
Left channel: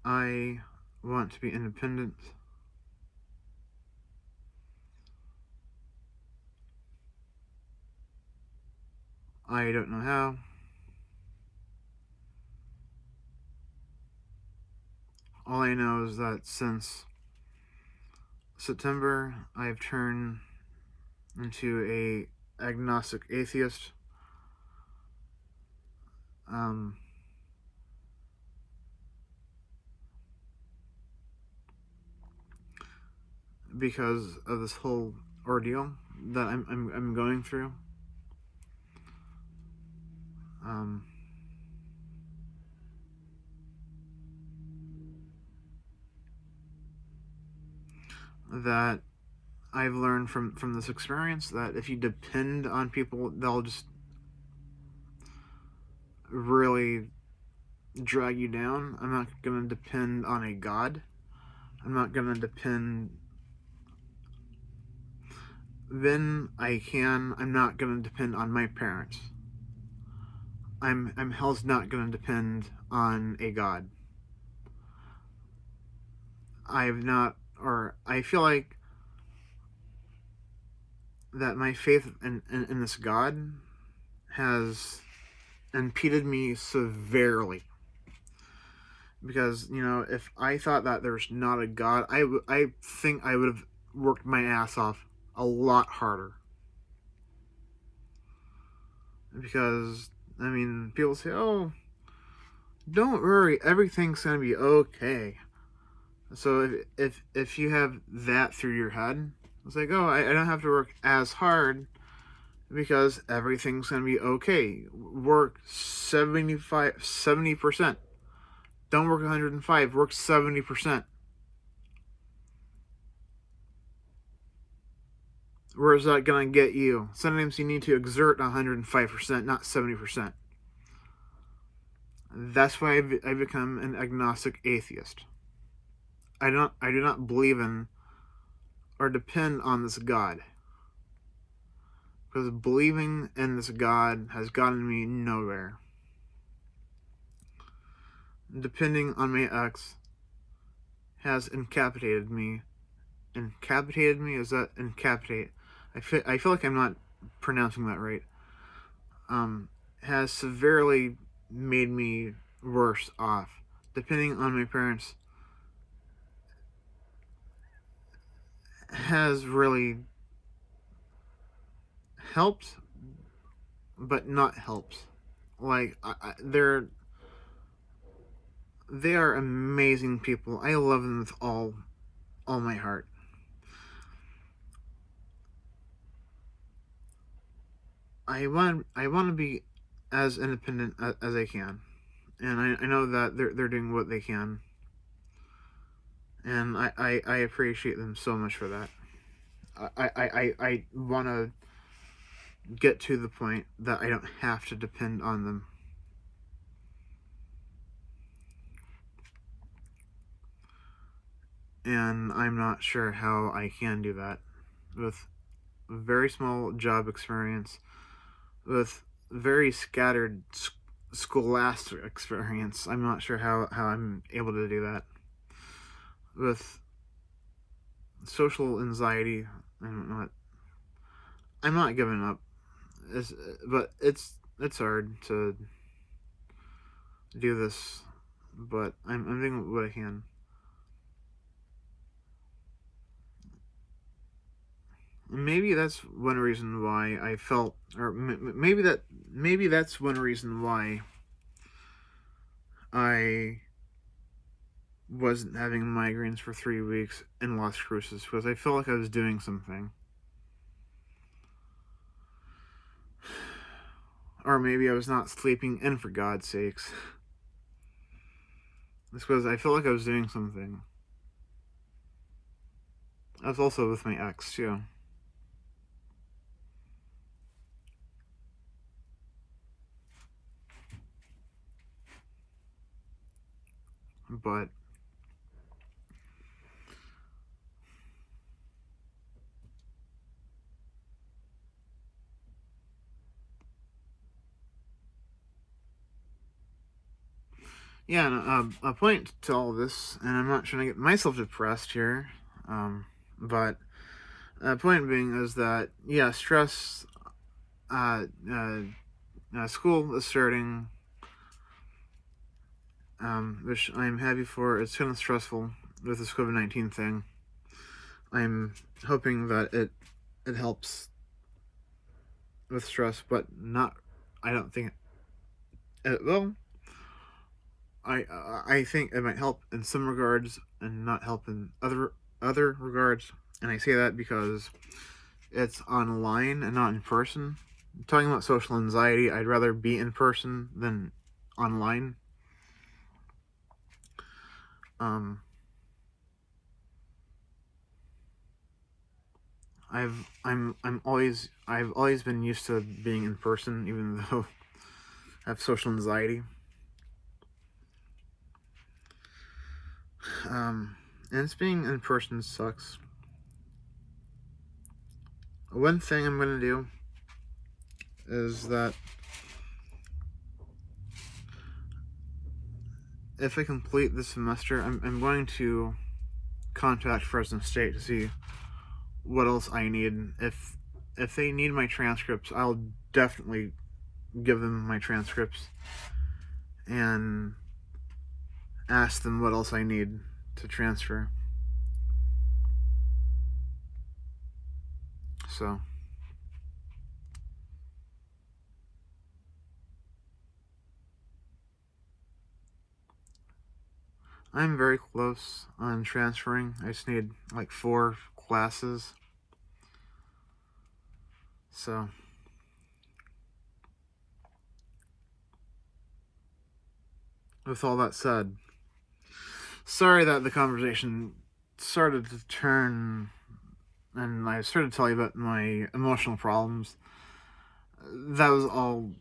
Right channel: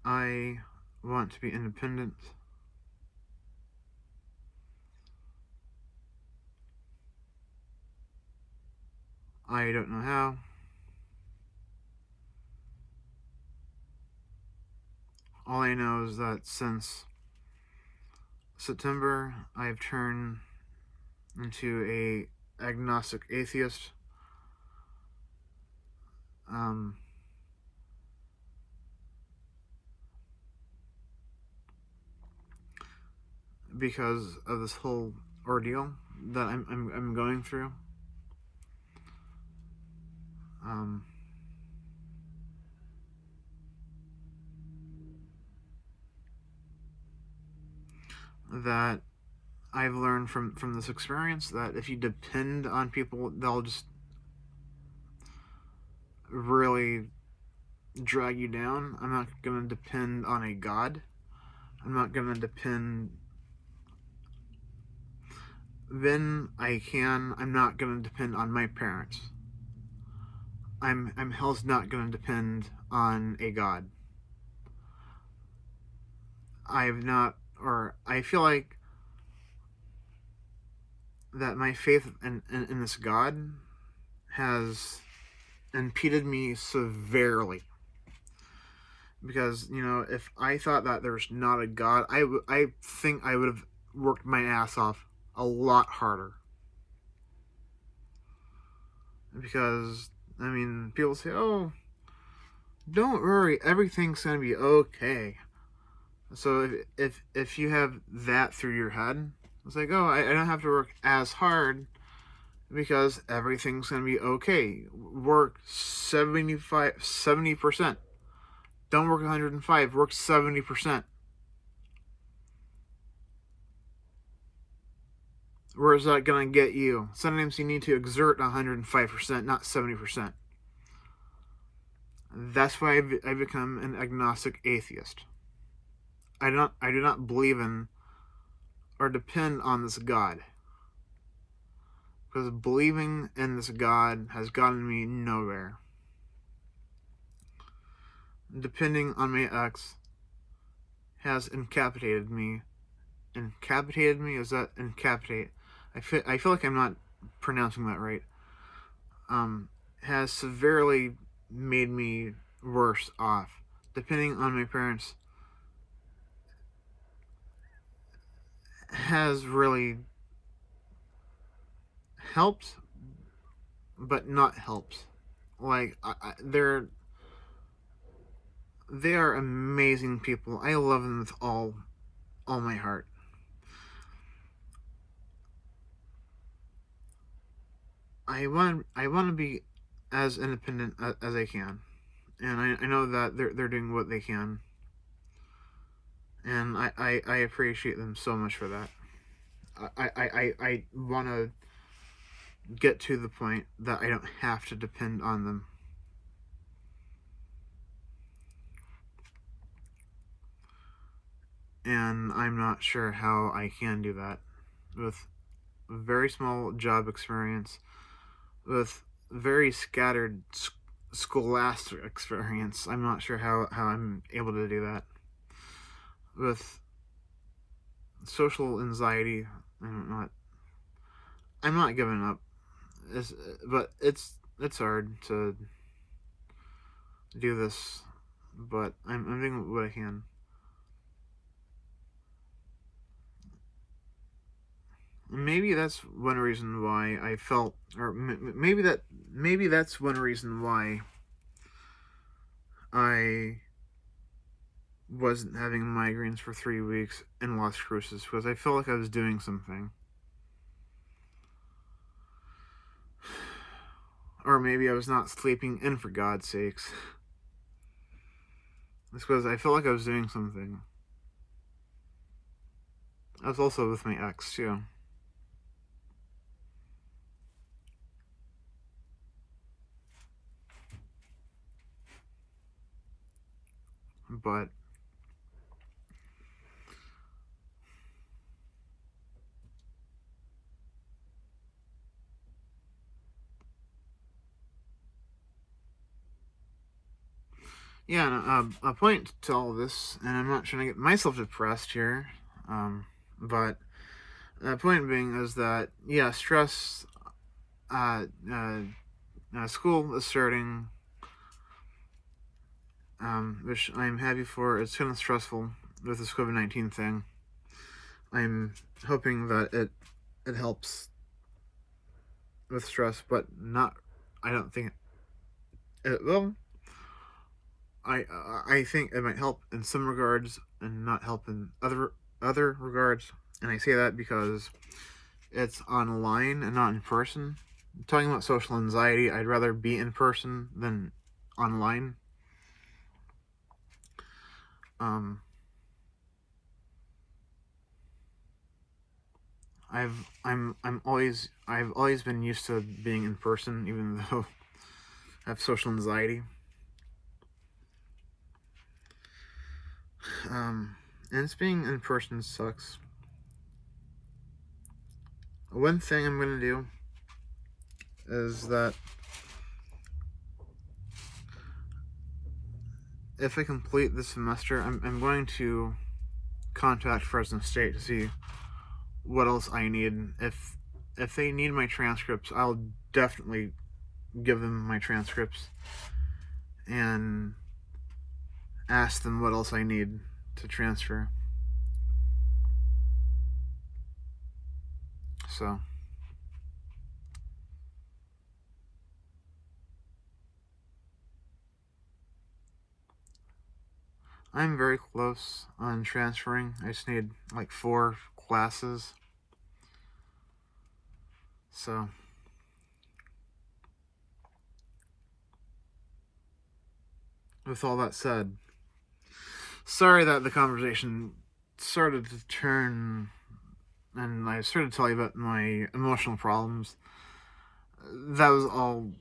I want to be independent. I don't know how. All I know is that since September, I've turned into a agnostic atheist. Because of this whole ordeal that I'm going through. That I've learned from this experience that if you depend on people, they'll just really drag you down. I'm not going to depend on a God. I'm not going to depend. When I can, I'm not going to depend on my parents. I'm hell's not going to depend on a God. I feel like that my faith in this God has impeded me severely. Because, if I thought that there's not a God, I think I would have worked my ass off a lot harder. Because, people say, oh, don't worry, everything's going to be okay. So if you have that through your head, it's like, oh, I don't have to work as hard because everything's gonna be okay. Work 70%. Don't work 105. Work 70%. Where is that gonna get you? Sometimes you need to exert 105%, not 70%. That's why I've become an agnostic atheist. I do not believe in or depend on this God. Because believing in this God has gotten me nowhere. Depending on my ex has incapacitated me. Incapacitated me? Is that incapacitate? I feel like I'm not pronouncing that right. Has severely made me worse off. Depending on my parents has really helped, but not helped. Like they are amazing people. I love them with all my heart. I want to be as independent as I can, and I know that they're doing what they can, and I appreciate them so much for that. I want to get to the point that I don't have to depend on them. And I'm not sure how I can do that with very small job experience, with very scattered scholastic experience. I'm not sure how I'm able to do that. With social anxiety, I'm not giving up. But it's hard to do this, but I'm doing what I can. Maybe that's one reason why I felt, or maybe that's one reason why I wasn't having migraines for 3 weeks in Las Cruces, because I felt like I was doing something. Or maybe I was not sleeping in, for God's sakes. It's because I felt like I was doing something. I was also with my ex, too. But yeah, a point to all this, and I'm not trying to get myself depressed here, but the point being is that, yeah, stress, school is starting, which I'm happy for. It's kind of stressful with this COVID-19 thing. I'm hoping that it helps with stress, but not. I don't think it will. I think it might help in some regards and not help in other regards, and I say that because it's online and not in person. Talking about social anxiety, I'd rather be in person than online. Um, I've always been used to being in person, even though I have social anxiety. And it's being in person sucks. One thing I'm gonna do is that if I complete this semester, I'm going to contact Fresno State to see what else I need. If they need my transcripts, I'll definitely give them my transcripts and ask them what else I need to transfer. So I'm very close on transferring. I just need like 4 classes. So, with all that said, sorry that the conversation started to turn and I started to tell you about my emotional problems. That was all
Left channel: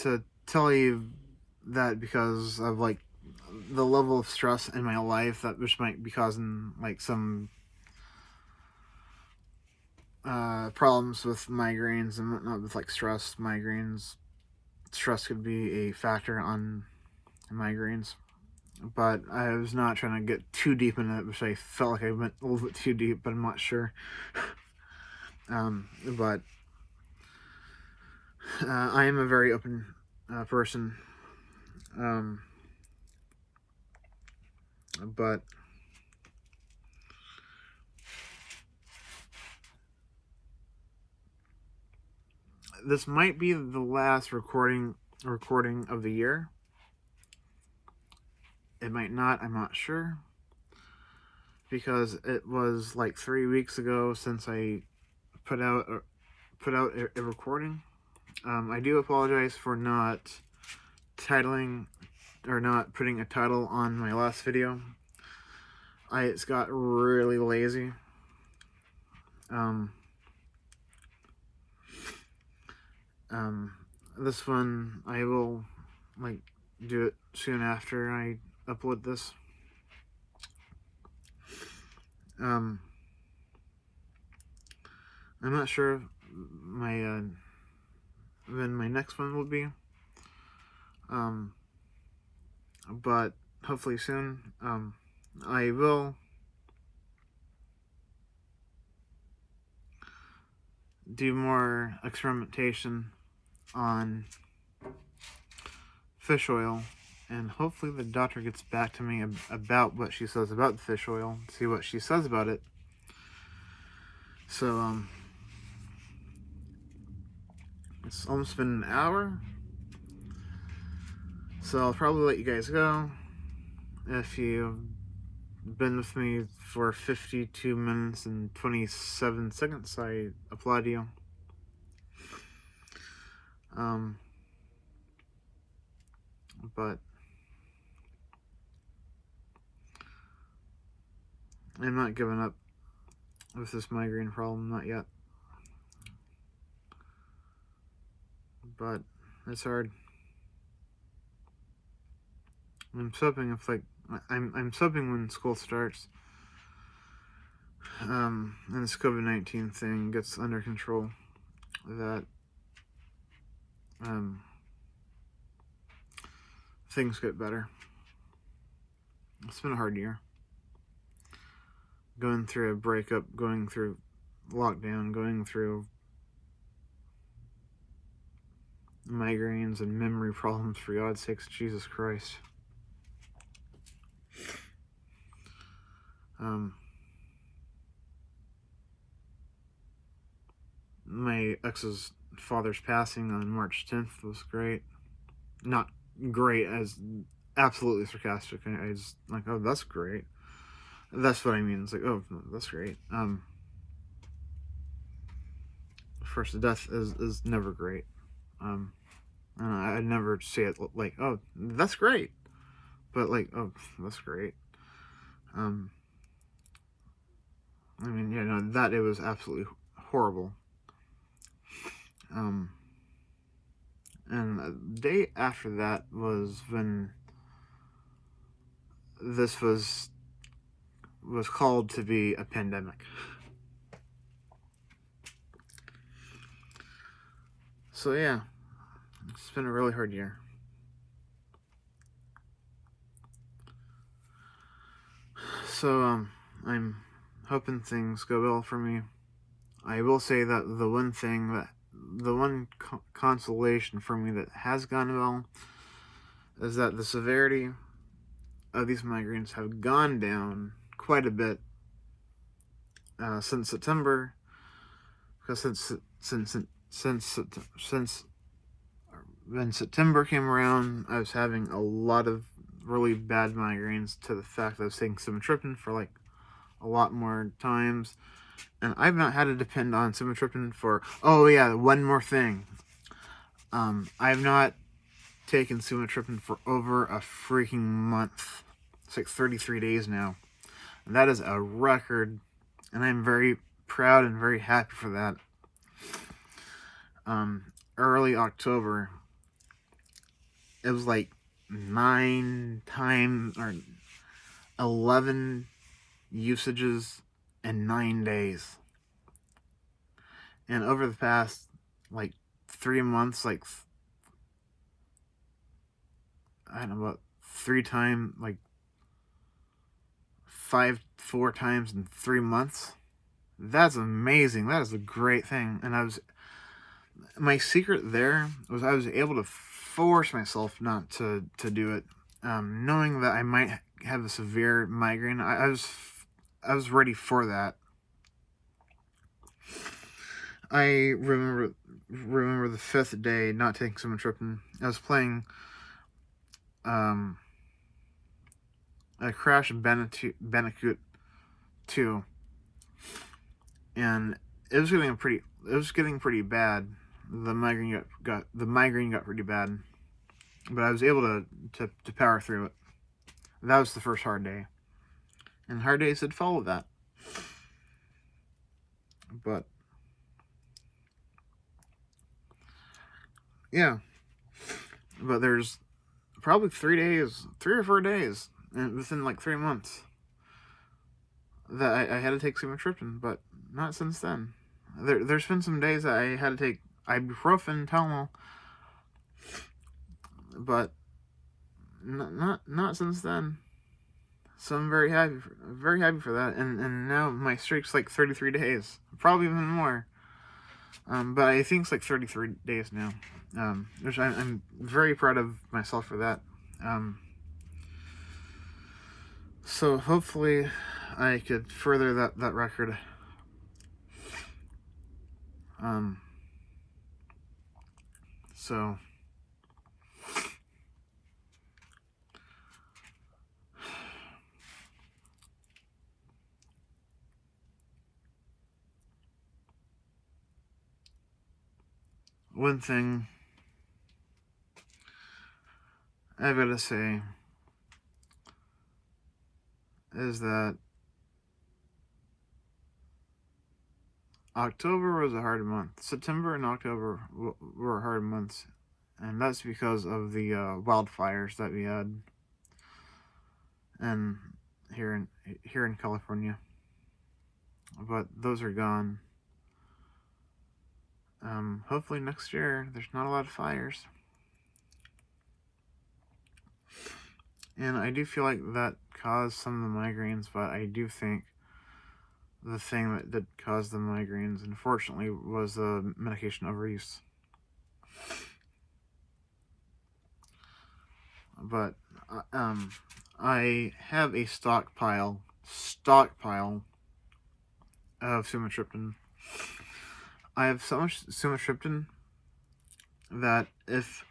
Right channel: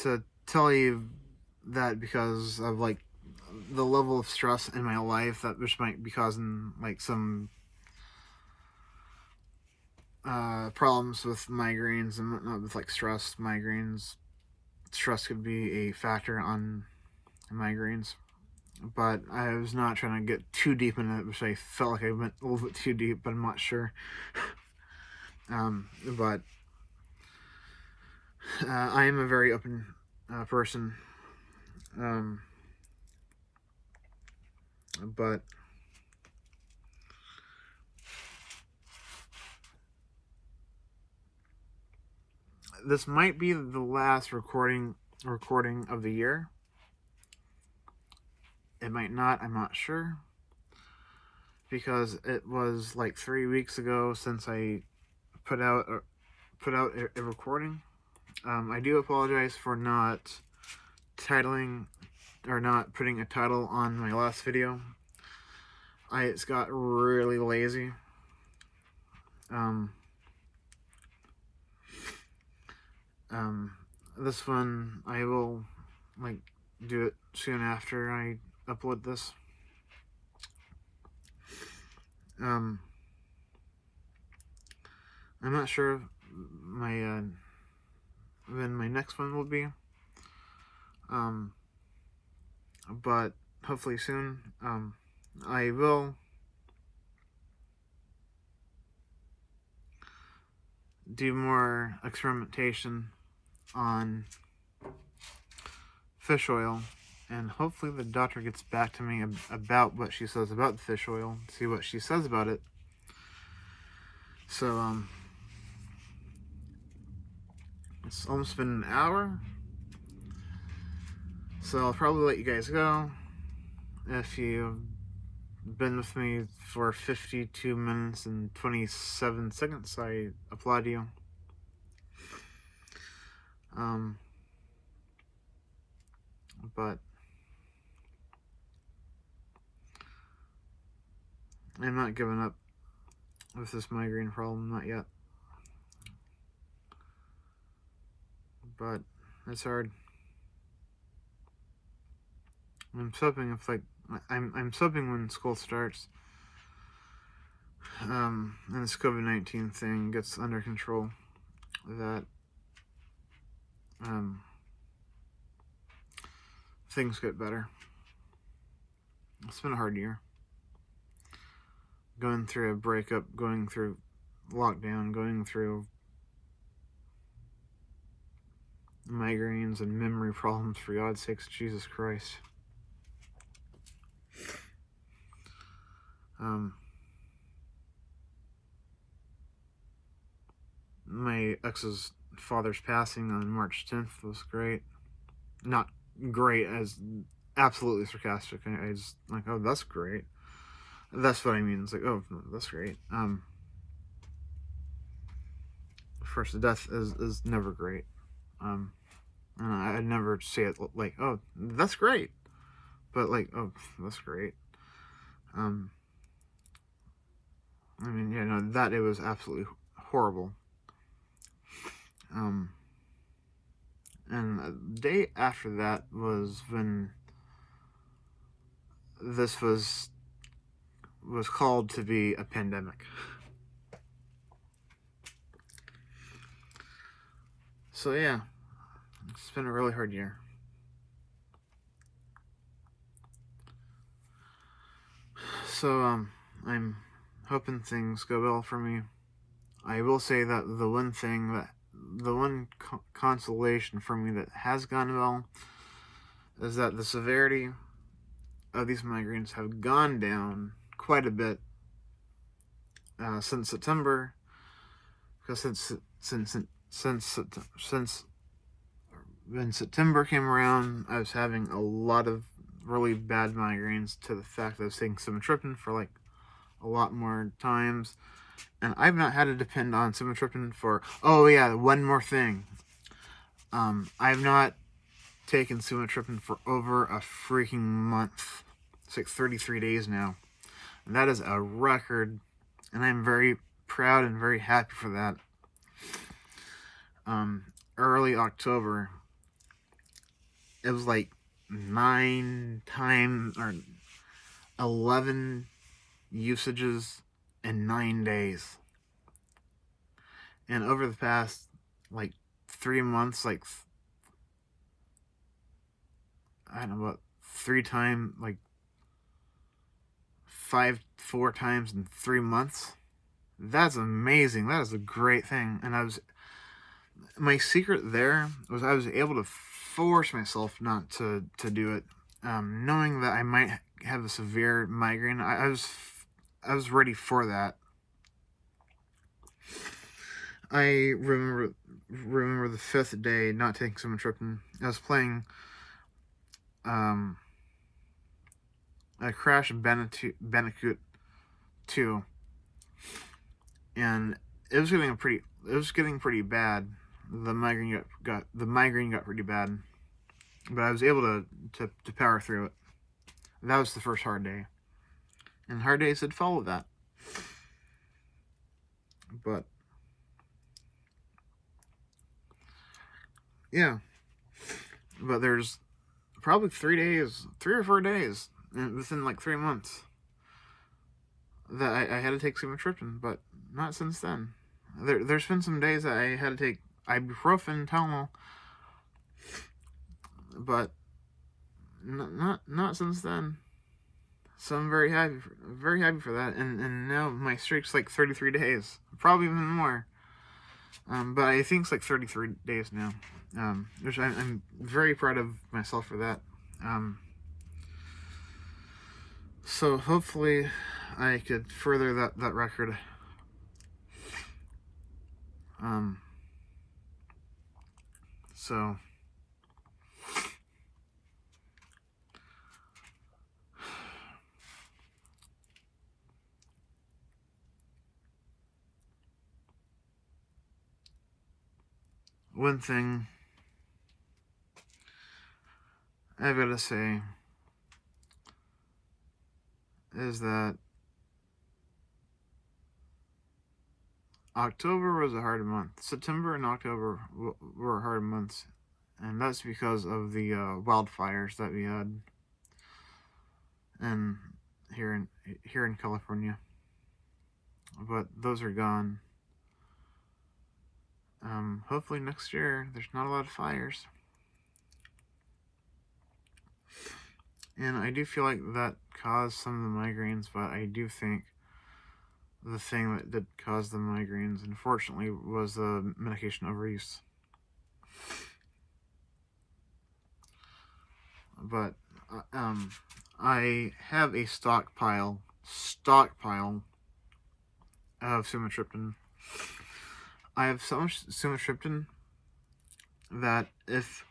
to tell you that because of like the level of stress in my life that which might be causing like some problems with migraines and whatnot, with like stress migraines. Stress could be a factor on migraines, but I was not trying to get too deep in it, which I felt like I went a little bit too deep, but I'm not sure. But I am a very open person. But this might be the last recording of the year. It might not, I'm not sure, because it was like 3 weeks ago since I put out a recording. I do apologize for not titling or not putting a title on my last video. I just got really lazy. This one I will like do it soon after I upload this. I'm not sure my when my next one will be. But hopefully soon. I will do more experimentation on fish oil, and hopefully the doctor gets back to me about what she says about the fish oil, see what she says about it. So, it's almost been an hour, so I'll probably let you guys go. If you've been with me for 52 minutes and 27 seconds, I applaud you. But I'm not giving up with this migraine problem, not yet. But it's hard. I'm hoping if like I'm hoping when school starts, and this COVID-19 thing gets under control, that things get better. It's been a hard year. Going through a breakup, going through lockdown, going through migraines and memory problems, for God's sakes, Jesus Christ. My ex's father's passing on March 10th was great. Not great as absolutely sarcastic. I just like, oh, that's great. That's what I mean. It's like, oh, that's great. First, death is never great. I'd never say it like, oh, that's great. But like, oh, that's great. I mean, yeah, no, that it was absolutely horrible. And the day after that was when this was called to be a pandemic. So yeah, it's been a really hard year. So I'm hoping things go well for me. I will say that the one consolation for me that has gone well is that the severity of these migraines have gone down quite a bit since September. Because since when September came around, I was having a lot of really bad migraines to the fact that I was taking sumatriptan for like a lot more times. And I've not had to depend on sumatriptan for... Oh yeah, one more thing. I've not taken sumatriptan for over a freaking month. It's like 33 days now. And that is a record, and I'm very proud and very happy for that. Early October, it was like 9 times or 11 usages in 9 days. And over the past like 3 months, like I don't know, about 3 times, like 4 times in 3 months. That's amazing. That is a great thing. And my secret there was I was able to force myself not to do it, knowing that I might have a severe migraine. I was ready for that. I remember the 5th day not taking sumatriptan. I was playing a Crash Bandicoot 2, and it was getting pretty bad. The migraine got pretty bad, but I was able to power through it. That was the first hard day, and hard days had followed that. But yeah, but there's probably 3 or 4 days, and within like 3 months, that I had to take sumatriptan, but not since then. There's been some days that I had to take ibuprofen, Tylenol, but not since then. So I'm very happy for that, and now my streak's like 33 days, probably even more. But I think it's like 33 days now, which I'm very proud of myself for that. So hopefully I could further that record. So one thing I've got to say is that October was a hard month. September and October were hard months, and that's because of the wildfires that we had, and here in California. But those are gone. Hopefully next year there's not a lot of fires. And I do feel like that caused some of the migraines, but I do think the thing that did cause the migraines, unfortunately, was the medication overuse. But I have a stockpile of sumatriptan. I have so much sumatriptan that if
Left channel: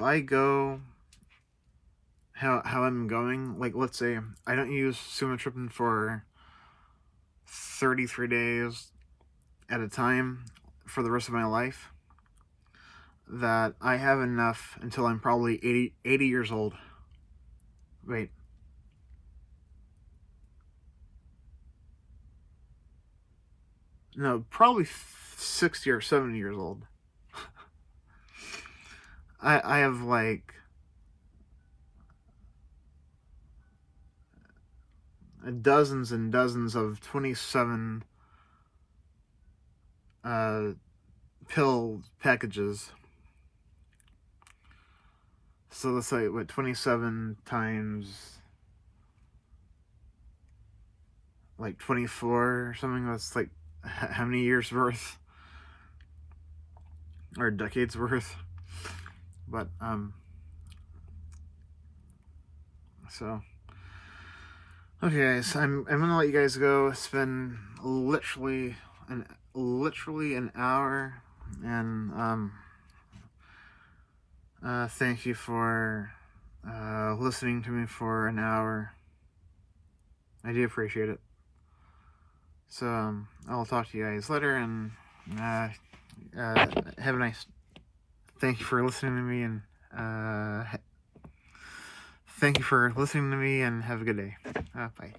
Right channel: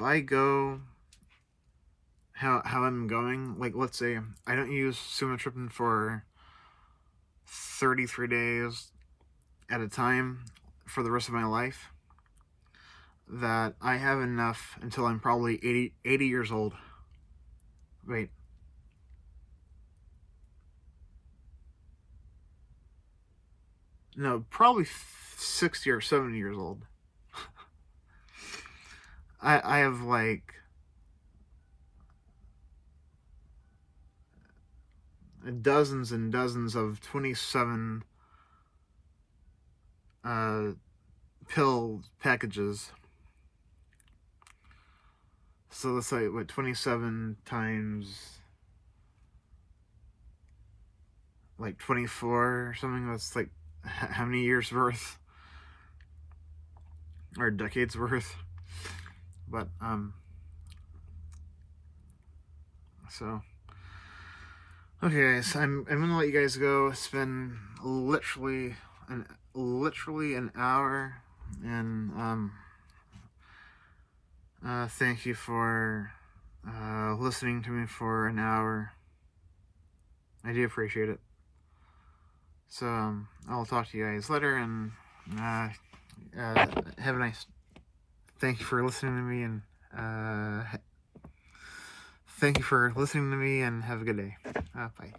I go how I'm going, like let's say I don't use sumatriptan for 33 days at a time for the rest of my life, that I have enough until I'm probably 80 years old. Wait. No, probably 60 or 70 years old. I have like dozens and dozens of 27 pill packages. So let's say, 27 times like 24 or something. That's like how many years worth? Or decades worth? But, so, okay guys, I'm gonna let you guys go. It's been literally an hour, and, Thank you for listening to me for an hour. I do appreciate it. So I'll talk to you guys later, and have a nice. Thank you for listening to me, and thank you for listening to me, and have a good day. Bye.